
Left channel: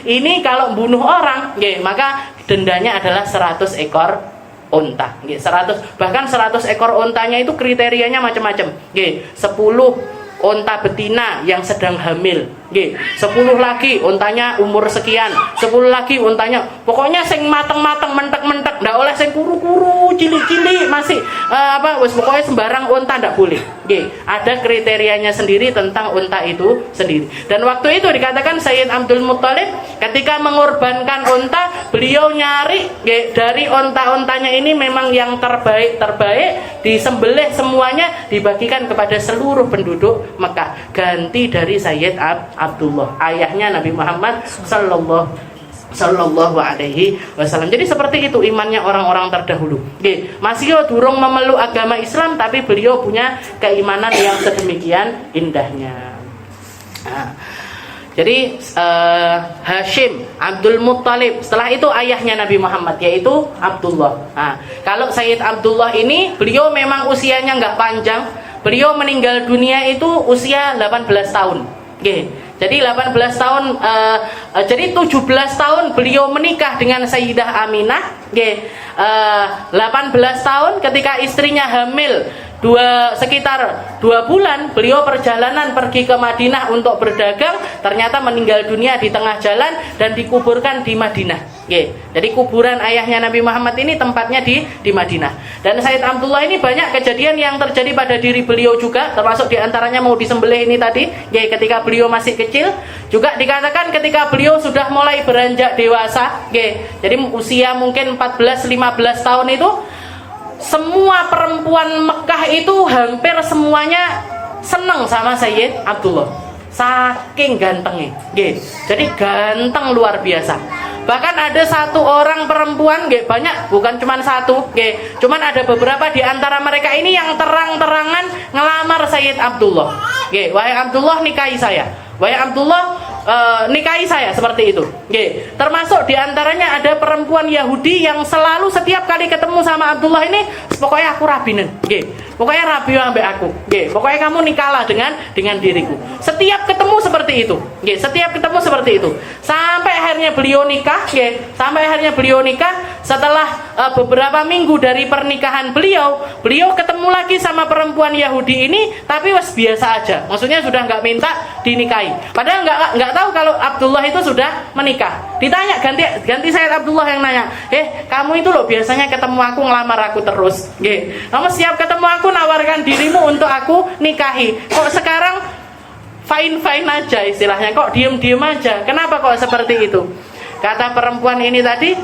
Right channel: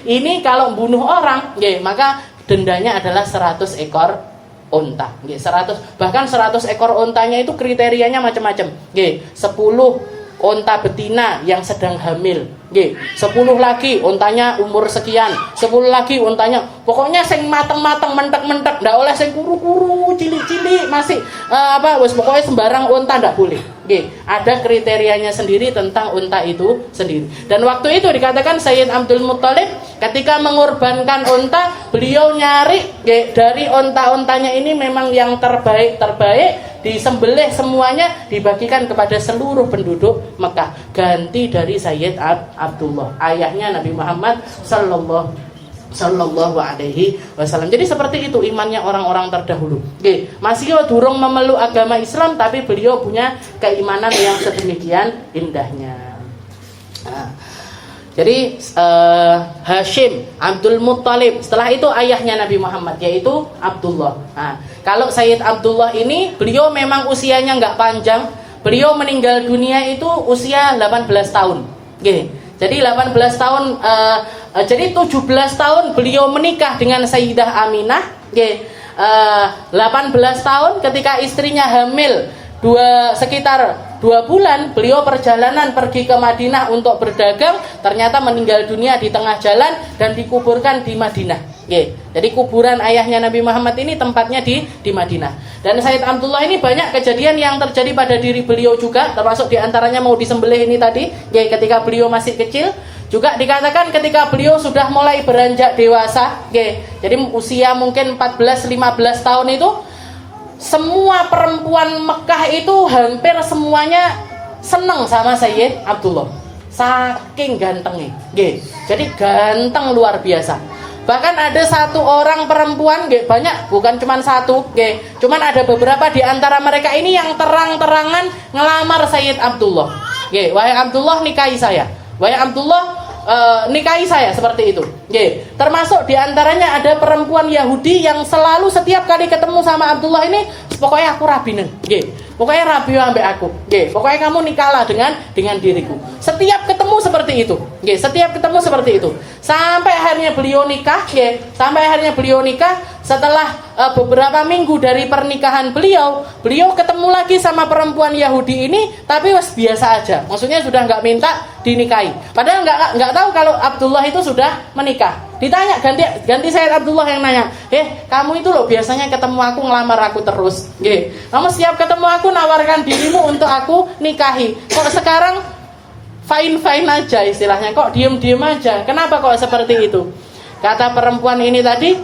Ini kalau bunuh orang, maka dendanya adalah 100 ekor unta. 100, bahkan 100 ekor untanya itu kriterianya macam-macam. 10 unta betina yang sedang hamil, 10 lagi untanya umur sekian, 10 lagi untanya pokoknya sing mateng-mateng, mentek-mentek, ndak oleh sing kuru-kuru, cilik-cilik masih pokoknya sembarang unta ndak boleh. Ada kriterianya sendiri tentang unta itu sendiri. Dan waktu itu dikatakan Sayyid Abdul Muttalib ketika mengorbankan unta, beliau nyari dari unta-untanya ini memang yang terbaik, disembelih semuanya, dibagikan kepada seluruh penduduk Mekah, ganti dari Sayyid Abdullah, ayahnya Nabi Muhammad sallallahu alaihi wasallam. Jadi seperti itu imannya orang-orang terdahulu. Masih durung memeluk agama Islam, tapi beliau punya keimanan yang sedemikian indahnya. Jadi Hashim, Abdul Muttalib, setelah itu ayahnya Nabi Muhammad yaitu Abdullah. Kalau Sayyid Abdullah ini beliau memang usianya nggak panjang. Beliau meninggal dunia itu usia 18 tahun. Jadi 18 tahun, jadi 17 tahun beliau menikah dengan Sayyidah Aminah. 18 tahun ketika istrinya hamil sekitar 2 bulan, beliau perjalanan pergi ke Madinah untuk berdagang, ternyata meninggal dunia di tengah jalan dan dikuburkan di Madinah. Jadi kuburan ayahnya Nabi Muhammad ini tempatnya di Madinah. Dan Sayyid Abdullah ini banyak kejadian yang terjadi pada diri beliau juga, termasuk diantaranya mau disembelih ini tadi, ketika beliau masih kecil. Juga dikatakan ketika beliau sudah mulai beranjak dewasa, jadi usia mungkin 14-15 tahun itu, semua perempuan Mekah itu hampir semuanya senang sama Sayyid Abdullah, saking gantengnya. Jadi ganteng luar biasa. Bahkan ada 1 orang perempuan, banyak, bukan cuma 1, cuman ada beberapa di antara mereka ini yang terang-terangan ngelamar Sayyid Abdullah. Wahai Abdullah, nikahi saya. Wahai Abdullah, nikahi saya, seperti itu. Termasuk diantaranya ada perempuan Yahudi yang selalu setiap kali ketemu sama Abdullah ini, pokoknya aku rabinen. Pokoknya rabi ambek aku. Pokoknya kamu nikahlah dengan diriku. Setiap ketemu seperti itu. Setiap ketemu seperti itu. Sampai akhirnya beliau nikah. Setelah beberapa minggu dari pernikahan beliau ketemu lagi sama perempuan Yahudi ini, tapi biasa aja. Maksudnya sudah nggak minta dinikahi. Padahal nggak tahu kalau Abdullah itu sudah menikah. Ditanya, ganti Sayyid Abdullah yang nanya, kamu itu loh biasanya ketemu aku ngelamar aku terus. Kamu setiap ketemu aku nawarkan dirimu untuk aku nikahi. Kok sekarang fine aja istilahnya, kok diem aja? Kenapa kok seperti itu? Kata perempuan ini tadi,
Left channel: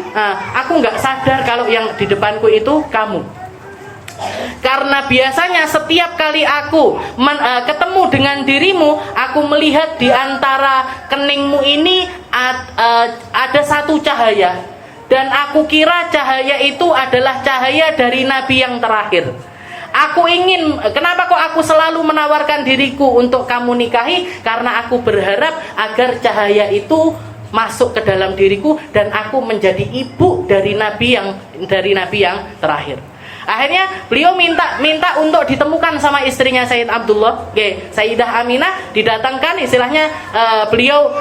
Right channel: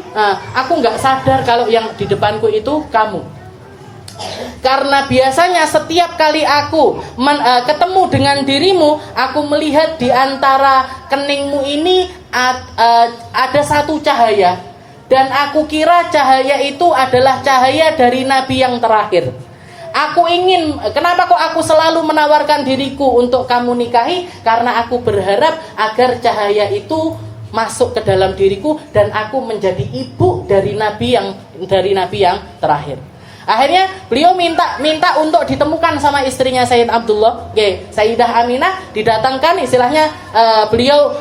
aku nggak sadar kalau yang di depanku itu kamu. Karena biasanya setiap kali aku ketemu dengan dirimu, aku melihat di antara keningmu ini ada 1 cahaya, dan aku kira cahaya itu adalah cahaya dari Nabi yang terakhir. Aku ingin, kenapa kok aku selalu menawarkan diriku untuk kamu nikahi? Karena aku berharap agar cahaya itu masuk ke dalam diriku dan aku menjadi ibu dari Nabi yang terakhir. Akhirnya beliau minta untuk ditemukan sama istrinya Sayyid Abdullah, Sayyidah Aminah, didatangkan istilahnya. Beliau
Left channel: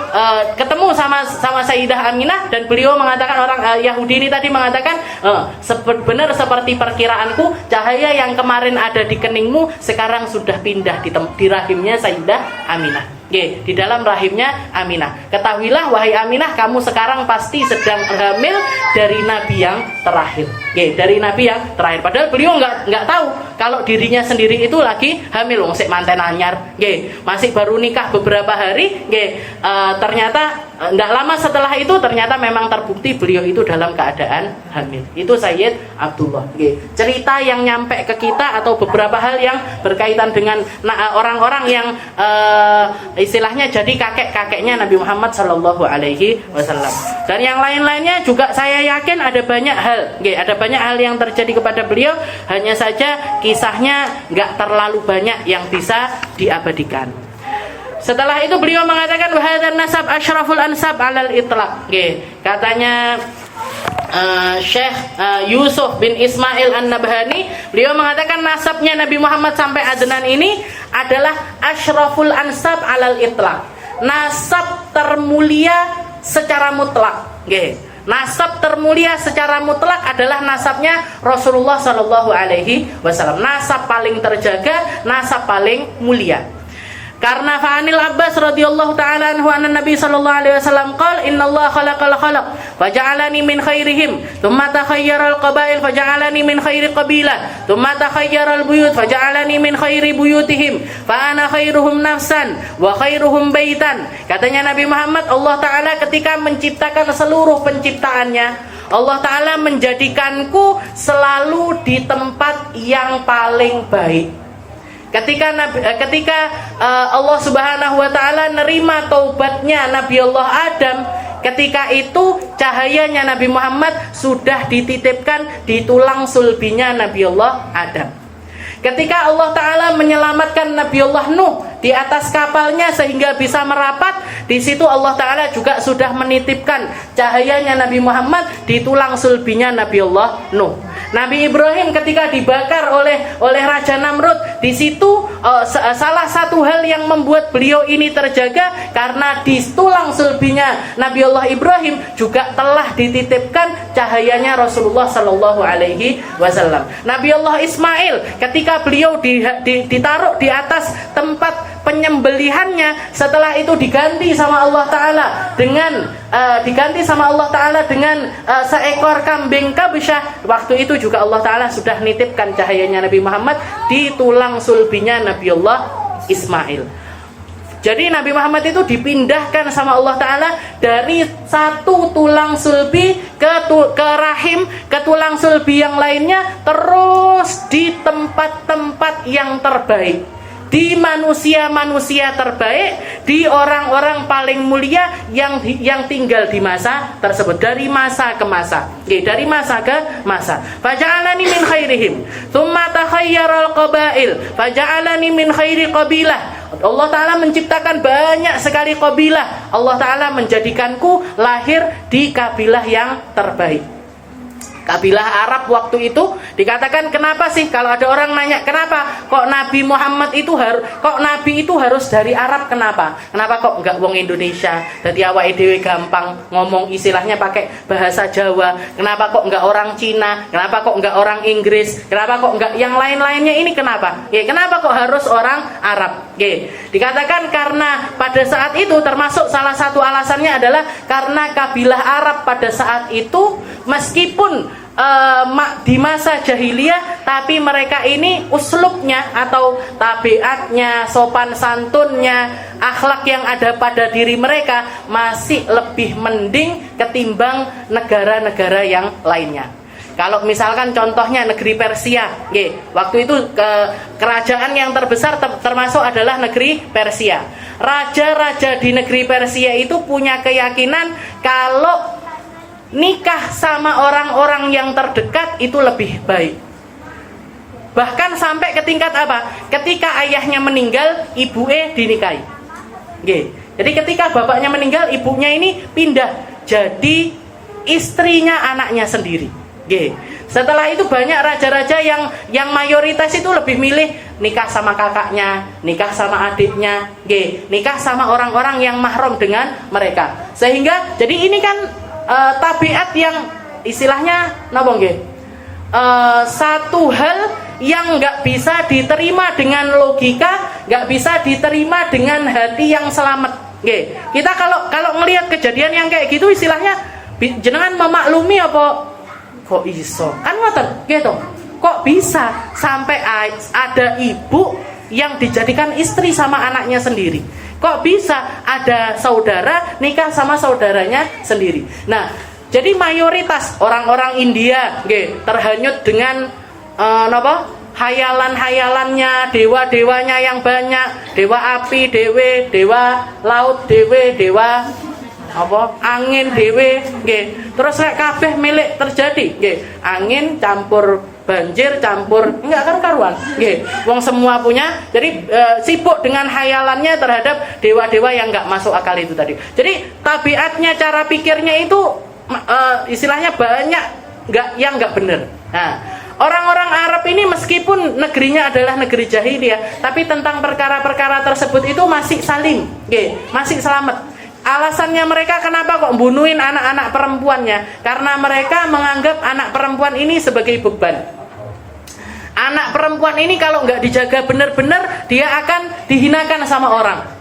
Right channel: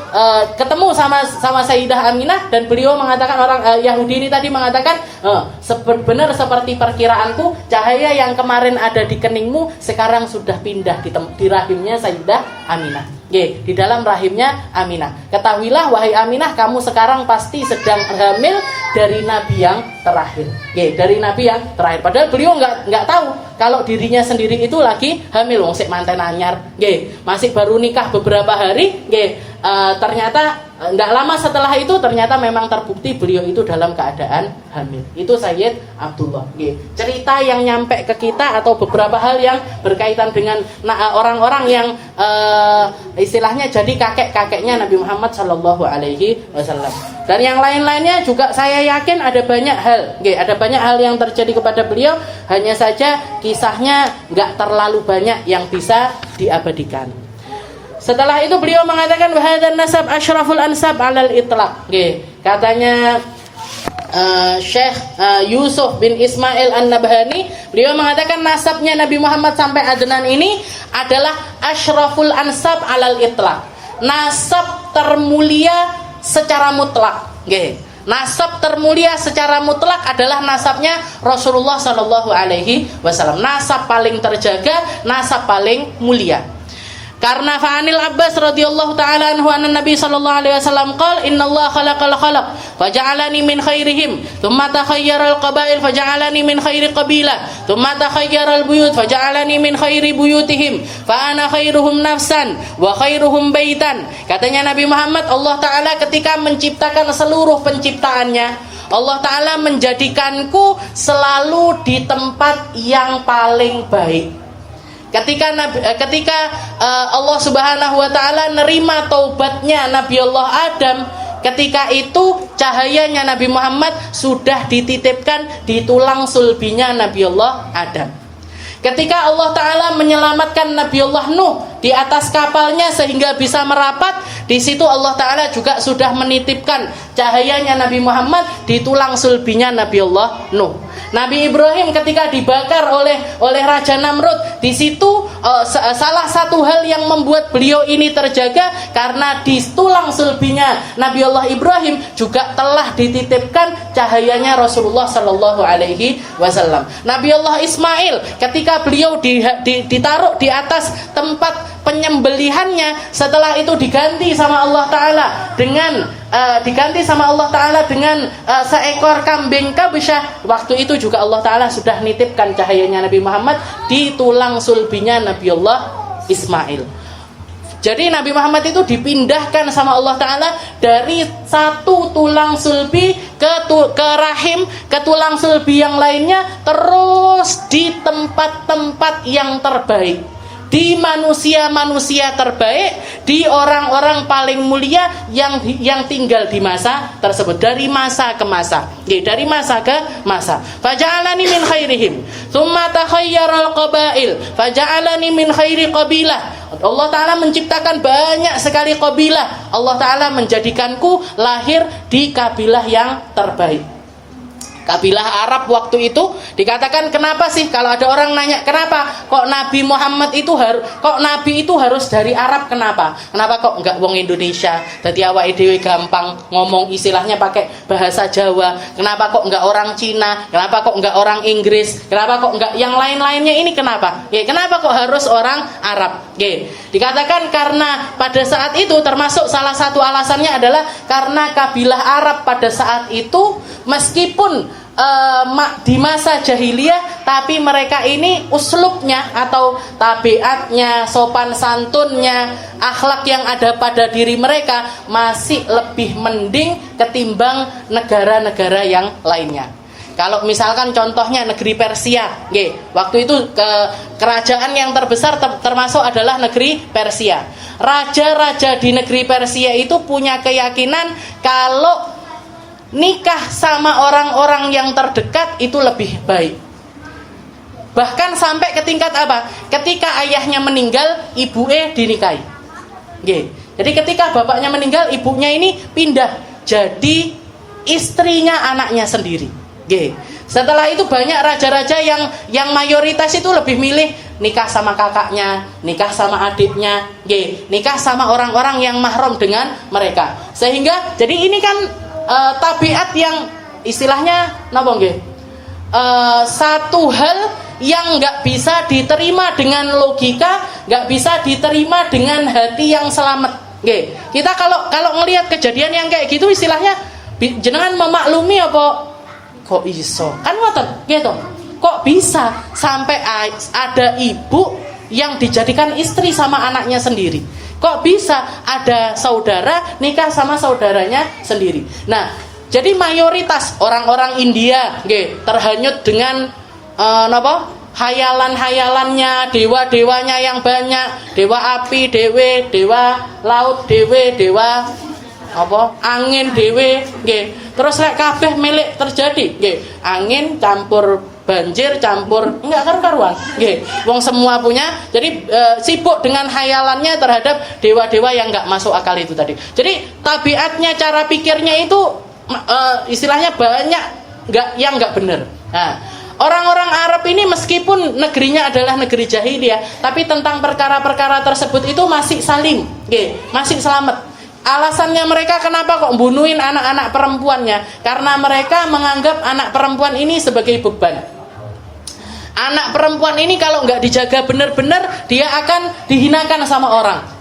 ketemu sama Sayyidah Aminah, dan beliau mengatakan, orang Yahudi ini tadi mengatakan, benar seperti perkiraanku, cahaya yang kemarin ada di keningmu sekarang sudah pindah di rahimnya Sayyidah Aminah. Nggih, di dalam rahimnya Aminah. Ketahuilah wahai Aminah, kamu sekarang pasti sedang hamil dari nabi yang terakhir. Nggih, dari nabi yang terakhir. Padahal beliau nggak tahu kalau dirinya sendiri itu lagi hamil, wong sik manten anyar. Nggih, masih baru nikah beberapa hari. Nggih, ternyata nggak lama setelah itu ternyata memang terbukti beliau itu dalam keadaan hamil. Itu Sayyid Abdullah. Nggih, cerita yang nyampe ke kita atau beberapa hal yang berkaitan dengan orang-orang yang istilahnya jadi kakek-kakeknya Nabi Muhammad Sallallahu Alaihi Wasallam. Dan yang lain-lainnya juga saya yakin ada banyak hal. Nggih, ada banyak hal yang terjadi kepada beliau. Hanya saja kisahnya nggak terlalu banyak yang bisa diabadikan. Setelah itu beliau mengatakan wahadzan nasab asyraful ansab alal itlaq. Nggih, katanya Syekh Yusuf bin Ismail An-Nabhani, beliau mengatakan nasabnya Nabi Muhammad sampai Adnan ini adalah asyraful ansab alal itlaq. Nasab termulia secara mutlak. Nggih. Nasab termulia secara mutlak adalah nasabnya Rasulullah Sallallahu Alaihi Wasallam. Nasab paling terjaga, nasab paling mulia. Karena fa'anil Abbas radhiyallahu taala anhu anna Nabi sallallahu alaihi wasallam qala innallaha khalaqal khalaq faja'alani min khairihim thumma takhayyara al-qabail faja'alani min khairi qabilah thumma takhayyara al-buyut faja'alani min khairi buyutihim fa ana khairuhum nafsan wa khairuhum baitan. Katanya Nabi Muhammad, Allah taala ketika menciptakan seluruh penciptaannya, Allah taala menjadikanku selalu di tempat yang paling baik. Ketika Allah Subhanahu wa taala nerima taubatnya Nabi Allah Adam, ketika itu cahayanya Nabi Muhammad sudah dititipkan di tulang sulbinya Nabi Allah Adam. Ketika Allah taala menyelamatkan Nabi Allah Nuh di atas kapalnya sehingga bisa merapat, di situ Allah taala juga sudah menitipkan cahayanya Nabi Muhammad di tulang sulbinya Nabi Allah Nuh. Nabi Ibrahim ketika dibakar oleh Raja Namrud, di situ salah satu hal yang membuat beliau ini terjaga karena di tulang sulbinya Nabi Allah Ibrahim juga telah dititipkan cahayanya Rasulullah Sallallahu Alaihi Wasallam. Nabi Allah Ismail ketika beliau ditaruh di atas tempat penyembelihannya, setelah itu diganti sama Allah Taala dengan seekor kambing kabsyah. Waktu itu juga Allah Taala sudah nitipkan cahayanya Nabi Muhammad di tulang sulbinya Nabi Allah Ismail. Jadi Nabi Muhammad itu dipindahkan sama Allah Taala dari satu tulang sulbi ke rahim, ke tulang sulbi yang lainnya, terus di tempat-tempat yang terbaik, di manusia-manusia terbaik, di orang-orang paling mulia yang tinggal di masa tersebut, dari masa ke masa. Dari masa ke masa. Faja'alani min khairihim, tsumma takhayyaral qabail, faja'alani min khairi qabilah. Allah Ta'ala menciptakan banyak sekali kabilah. Allah Ta'ala menjadikanku lahir di kabilah yang terbaik. Kabilah Arab waktu itu dikatakan, kenapa sih kalau ada orang nanya kenapa kok Nabi Muhammad itu Nabi itu harus dari Arab, kenapa kok enggak wong Indonesia? Jadi awake dhewe gampang ngomong istilahnya pakai bahasa Jawa. Kenapa kok enggak orang Cina? Kenapa kok enggak orang Inggris? Kenapa kok enggak yang lain-lainnya ini, kenapa? Kenapa kok harus orang Arab? Dikatakan karena pada saat itu, termasuk salah satu alasannya adalah karena kabilah Arab pada saat itu meskipun di masa jahiliyah, tapi mereka ini uslubnya atau tabiatnya, sopan santunnya, akhlak yang ada pada diri mereka masih lebih mending ketimbang negara-negara yang lainnya. Kalau misalkan contohnya negeri Persia, waktu itu kerajaan yang terbesar termasuk adalah negeri Persia. Raja-raja di negeri Persia itu punya keyakinan kalau nikah sama orang-orang yang terdekat itu lebih baik. Bahkan sampai ke tingkat apa? Ketika ayahnya meninggal, ibunya dinikahi. Jadi ketika bapaknya meninggal, ibunya ini pindah jadi istrinya anaknya sendiri. Setelah itu banyak raja-raja yang mayoritas itu lebih milih nikah sama kakaknya, nikah sama adiknya, nikah sama orang-orang yang mahram dengan mereka. Sehingga jadi ini kan tabiat yang istilahnya napa nggih? Satu hal yang nggak bisa diterima dengan logika, nggak bisa diterima dengan hati yang selamat. Oke, kita kalau ngelihat kejadian yang kayak gitu, istilahnya jenengan memaklumi apa? Kok iso? Kan ngoten, gitu. Kok bisa sampai ada ibu yang dijadikan istri sama anaknya sendiri? Kok bisa ada saudara nikah sama saudaranya sendiri? Nah, jadi mayoritas orang-orang India terhanyut dengan hayalan-hayalannya, dewa-dewanya yang banyak, dewa api dewe, dewa laut dewe, dewa angin dewe, terus lek kabeh milik terjadi, angin campur banjir campur enggak karuan, wong semua punya. Jadi sibuk dengan hayalannya terhadap dewa-dewa yang enggak masuk akal itu tadi. Jadi tabiatnya, cara pikirnya itu istilahnya banyak enggak benar. Nah, orang-orang Arab ini meskipun negerinya adalah negeri jahiliyah, tapi tentang perkara-perkara tersebut itu masih salim, masih selamat. Alasannya mereka kenapa kok bunuhin anak-anak perempuannya? Karena mereka menganggap anak perempuan ini sebagai beban. Anak perempuan ini kalau nggak dijaga benar-benar, dia akan dihinakan sama orang.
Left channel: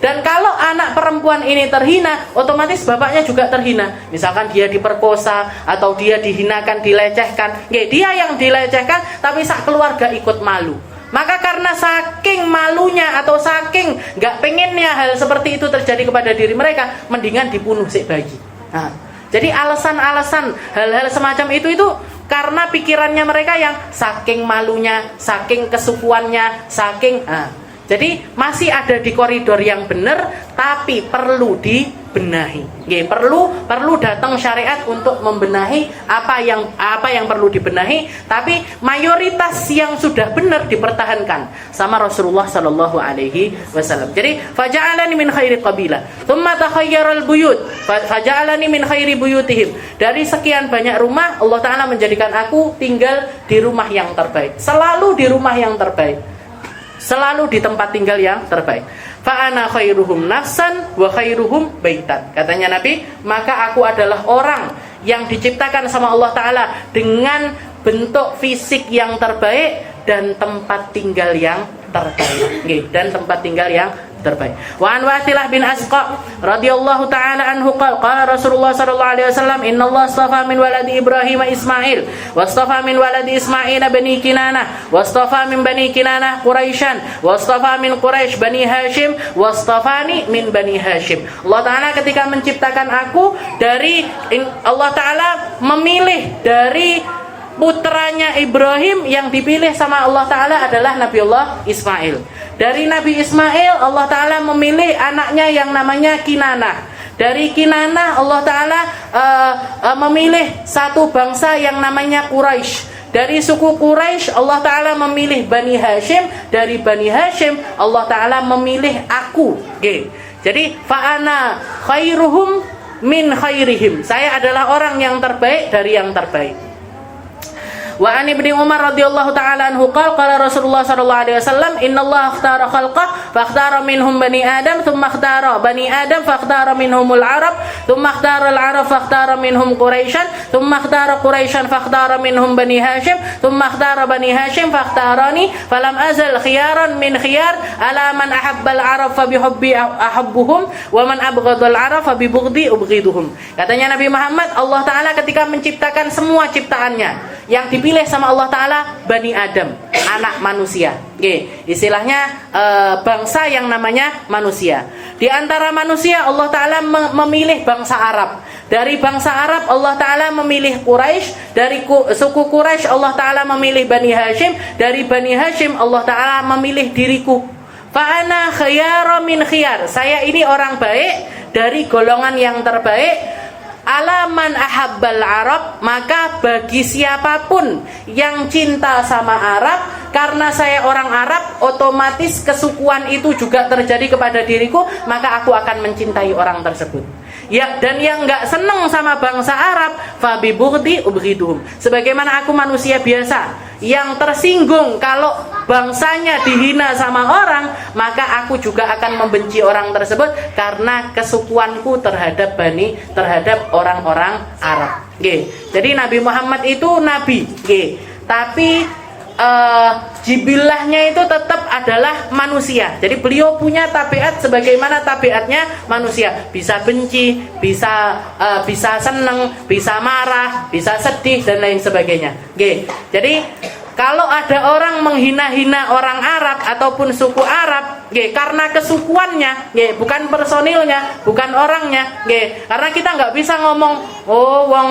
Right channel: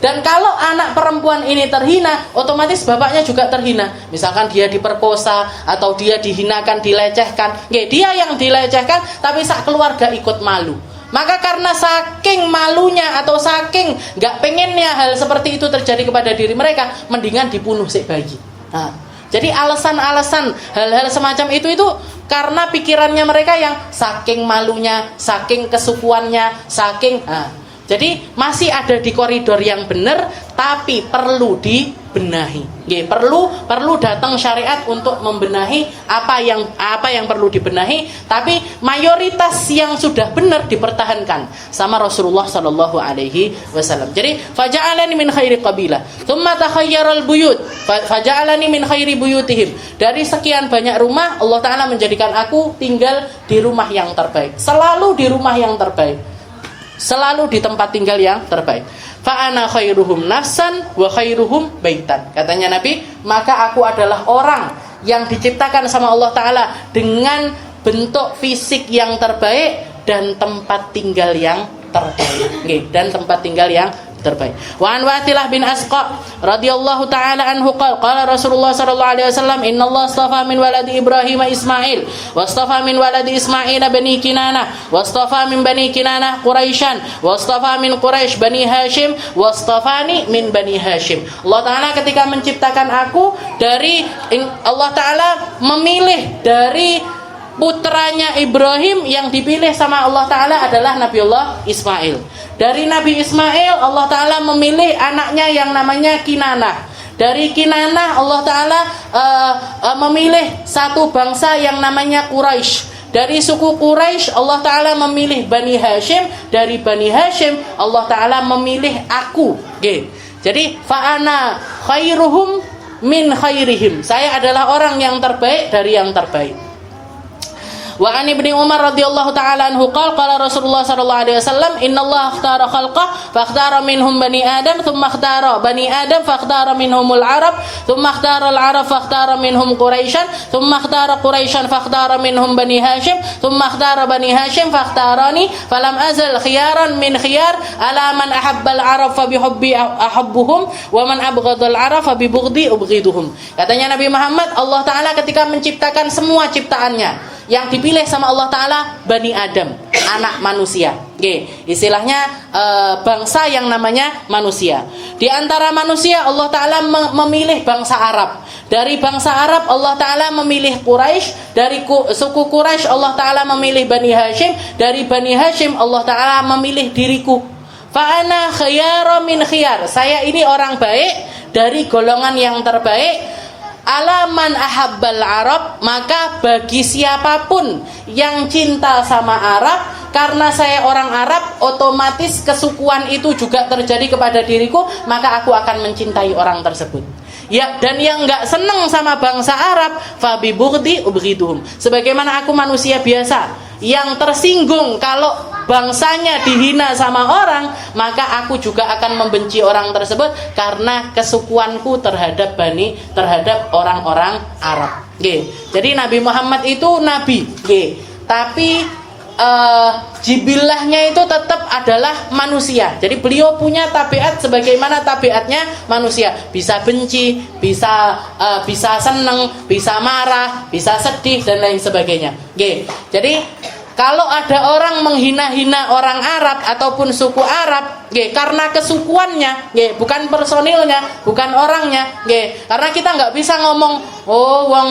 Dan kalau anak perempuan ini terhina, otomatis bapaknya juga terhina. Misalkan dia diperkosa atau dia dihinakan, dilecehkan, dia yang dilecehkan, tapi sak keluarga ikut malu. Maka karena saking malunya atau saking nggak pengennya hal seperti itu terjadi kepada diri mereka, mendingan dibunuh si bayi. Nah, jadi alasan-alasan hal-hal semacam itu karena pikirannya mereka yang saking malunya, saking kesukuannya, saking. Jadi masih ada di koridor yang benar, tapi perlu dibenahi. Perlu datang syariat untuk membenahi apa yang perlu dibenahi, tapi mayoritas yang sudah benar dipertahankan sama Rasulullah sallallahu alaihi wasallam. Jadi faja'alani min khairi qabilah, tsumma takhayyaral buyut, faja'alani min khairi buyutihim. Dari sekian banyak rumah, Allah taala menjadikan aku tinggal di rumah yang terbaik. Selalu di rumah yang terbaik. Selalu di tempat tinggal yang terbaik. Fa ana khairuhum nafsan wa khairuhum baitan. Katanya Nabi, maka aku adalah orang yang diciptakan sama Allah Ta'ala dengan bentuk fisik yang terbaik dan tempat tinggal yang terbaik. Dan tempat tinggal yang terbaik. Wa an Wasilah bin Asqa radhiyallahu taala anhu qala Rasulullah sallallahu alaihi wasallam innallaha astafa min waladi Ibrahim Ismail wastafa min waladi Ismail bani Kinanah wastafa min bani Kinanah Quraisyan wastafa min Quraisy bani Hashim wastafani min bani Hashim. Allah taala ketika menciptakan aku dari Allah taala memilih dari putranya Ibrahim, yang dipilih sama Allah Ta'ala adalah Nabiullah Ismail. Dari Nabi Ismail Allah Ta'ala memilih anaknya yang namanya Kinanah. Dari Kinanah Allah Ta'ala memilih satu bangsa yang namanya Quraisy. Dari suku Quraisy Allah Ta'ala memilih Bani Hashim. Dari Bani Hashim Allah Ta'ala memilih aku. Jadi fa'ana khairuhum min khairihim. Saya adalah orang yang terbaik dari yang terbaik. Wa an Ibnu Umar radhiyallahu taala anhu qala Rasulullah sallallahu alaihi wasallam innallaha ikhtara khalqah fa ikhtara minhum bani Adam thumma ikhtara bani Adam fa ikhtara minhumul Arab thumma ikhtara al-Arab fa ikhtara minhum Quraisyan thumma ikhtara Quraisyan fa ikhtara minhum bani Hashim thumma ikhtara bani Hashim fa ikhtarani falam azal khiyaran min khiyar ala man ahabba al-Arab fa bihubbi ahabbuhum wa man abghadha al-Arab fa bibughdi ubghiduhum. Katanya Nabi Muhammad, Allah Taala ketika menciptakan semua ciptaannya, yang dipilih sama Allah Ta'ala Bani Adam, anak manusia. Istilahnya bangsa yang namanya manusia. Di antara manusia Allah Ta'ala memilih bangsa Arab. Dari bangsa Arab Allah Ta'ala memilih Quraisy. Dari suku Quraisy Allah Ta'ala memilih Bani Hashim. Dari Bani Hashim Allah Ta'ala memilih diriku. Fa'ana khiyara min khiyar. Saya ini orang baik dari golongan yang terbaik. Alaman ahabbal Arab, maka bagi siapapun yang cinta sama Arab, karena saya orang Arab, otomatis kesukuan itu juga terjadi kepada diriku, maka aku akan mencintai orang tersebut. Ya, dan yang enggak senang sama bangsa Arab, fa bi bughdi ubghiduhum. Sebagaimana aku manusia biasa yang tersinggung kalau bangsanya dihina sama orang, maka aku juga akan membenci orang tersebut karena kesukuanku terhadap orang-orang Arab. Jadi Nabi Muhammad itu nabi, tapi jibilahnya itu tetap adalah manusia. Jadi beliau punya tabiat sebagaimana tabiatnya manusia. Bisa benci, bisa seneng, bisa marah, bisa sedih dan lain sebagainya. Oke. Jadi kalau ada orang menghina-hina orang Arab ataupun suku Arab, karena kesukuannya, bukan personilnya, bukan orangnya, karena kita nggak bisa ngomong, oh wong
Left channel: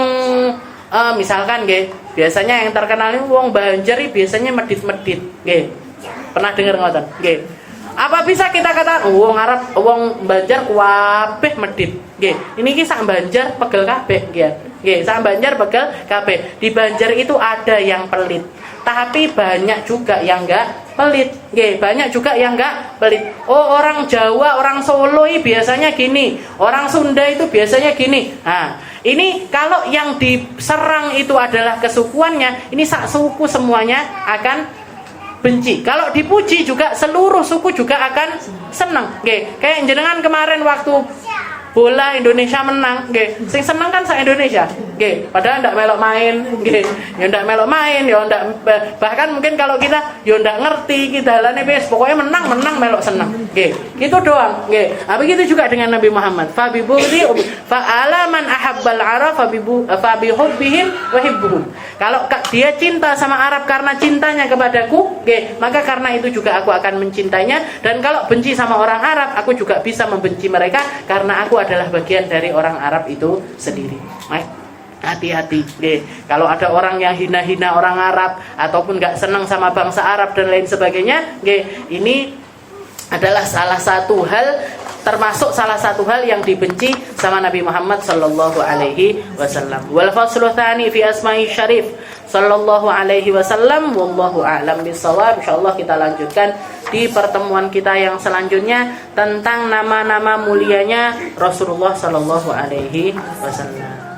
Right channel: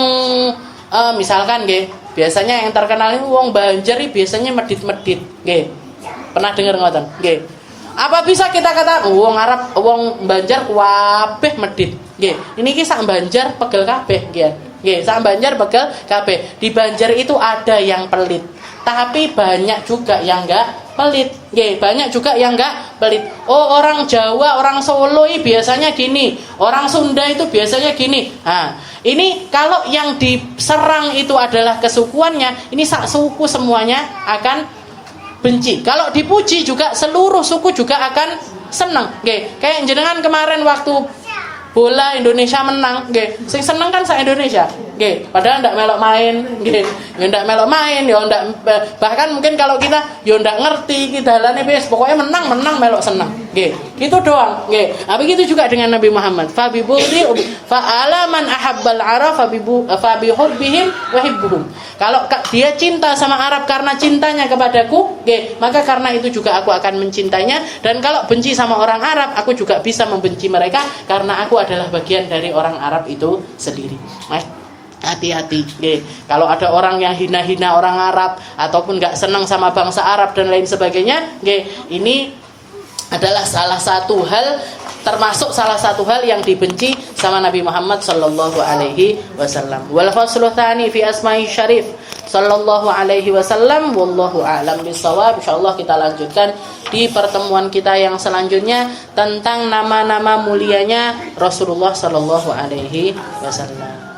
misalkan, biasanya yang terkenal ini wong Banjar biasanya medit-medit, pernah dengar ngoten, apa bisa kita kata wong Arab, wong Banjar kabeh medit, ini kisah Banjar pegel kabeh, sak Banjar pegel kabeh. Di Banjar itu ada yang pelit, tapi banyak juga yang enggak pelit, banyak juga yang enggak pelit. Oh, orang Jawa, orang Solo biasanya gini, orang Sunda itu biasanya gini. Nah, ini kalau yang diserang itu adalah kesukuannya, ini sak suku semuanya akan benci. Kalau dipuji juga seluruh suku juga akan senang. Kayak jenengan kemarin waktu bola Indonesia menang, sing seneng kan sak Indonesia, padahal ndak melok main, ya ndak melok main, ya ndak, bahkan mungkin kalau kita ya ndak ngerti kita dalane wis pokoknya menang melok seneng, gitu doang, nah begitu juga dengan Nabi Muhammad. Fa ala man ahabbal arab fa bi hubbihim wa hibbuhum. Kalau dia cinta sama Arab karena cintanya kepadaku, maka karena itu juga aku akan mencintainya. Dan kalau benci sama orang Arab, aku juga bisa membenci mereka karena aku adalah bagian dari orang Arab itu sendiri. Hati-hati, kalau ada orang yang hina-hina orang Arab ataupun nggak senang sama bangsa Arab dan lain sebagainya, ini adalah salah satu hal, termasuk salah satu hal yang dibenci sama Nabi Muhammad sallallahu alaihi wasallam. Wal faslu tsani fi asma'i syarif sallallahu alaihi wasallam, wallahu a'lam bissawab. Insyaallah kita lanjutkan di pertemuan kita yang selanjutnya tentang nama-nama mulianya Rasulullah sallallahu alaihi wasallam.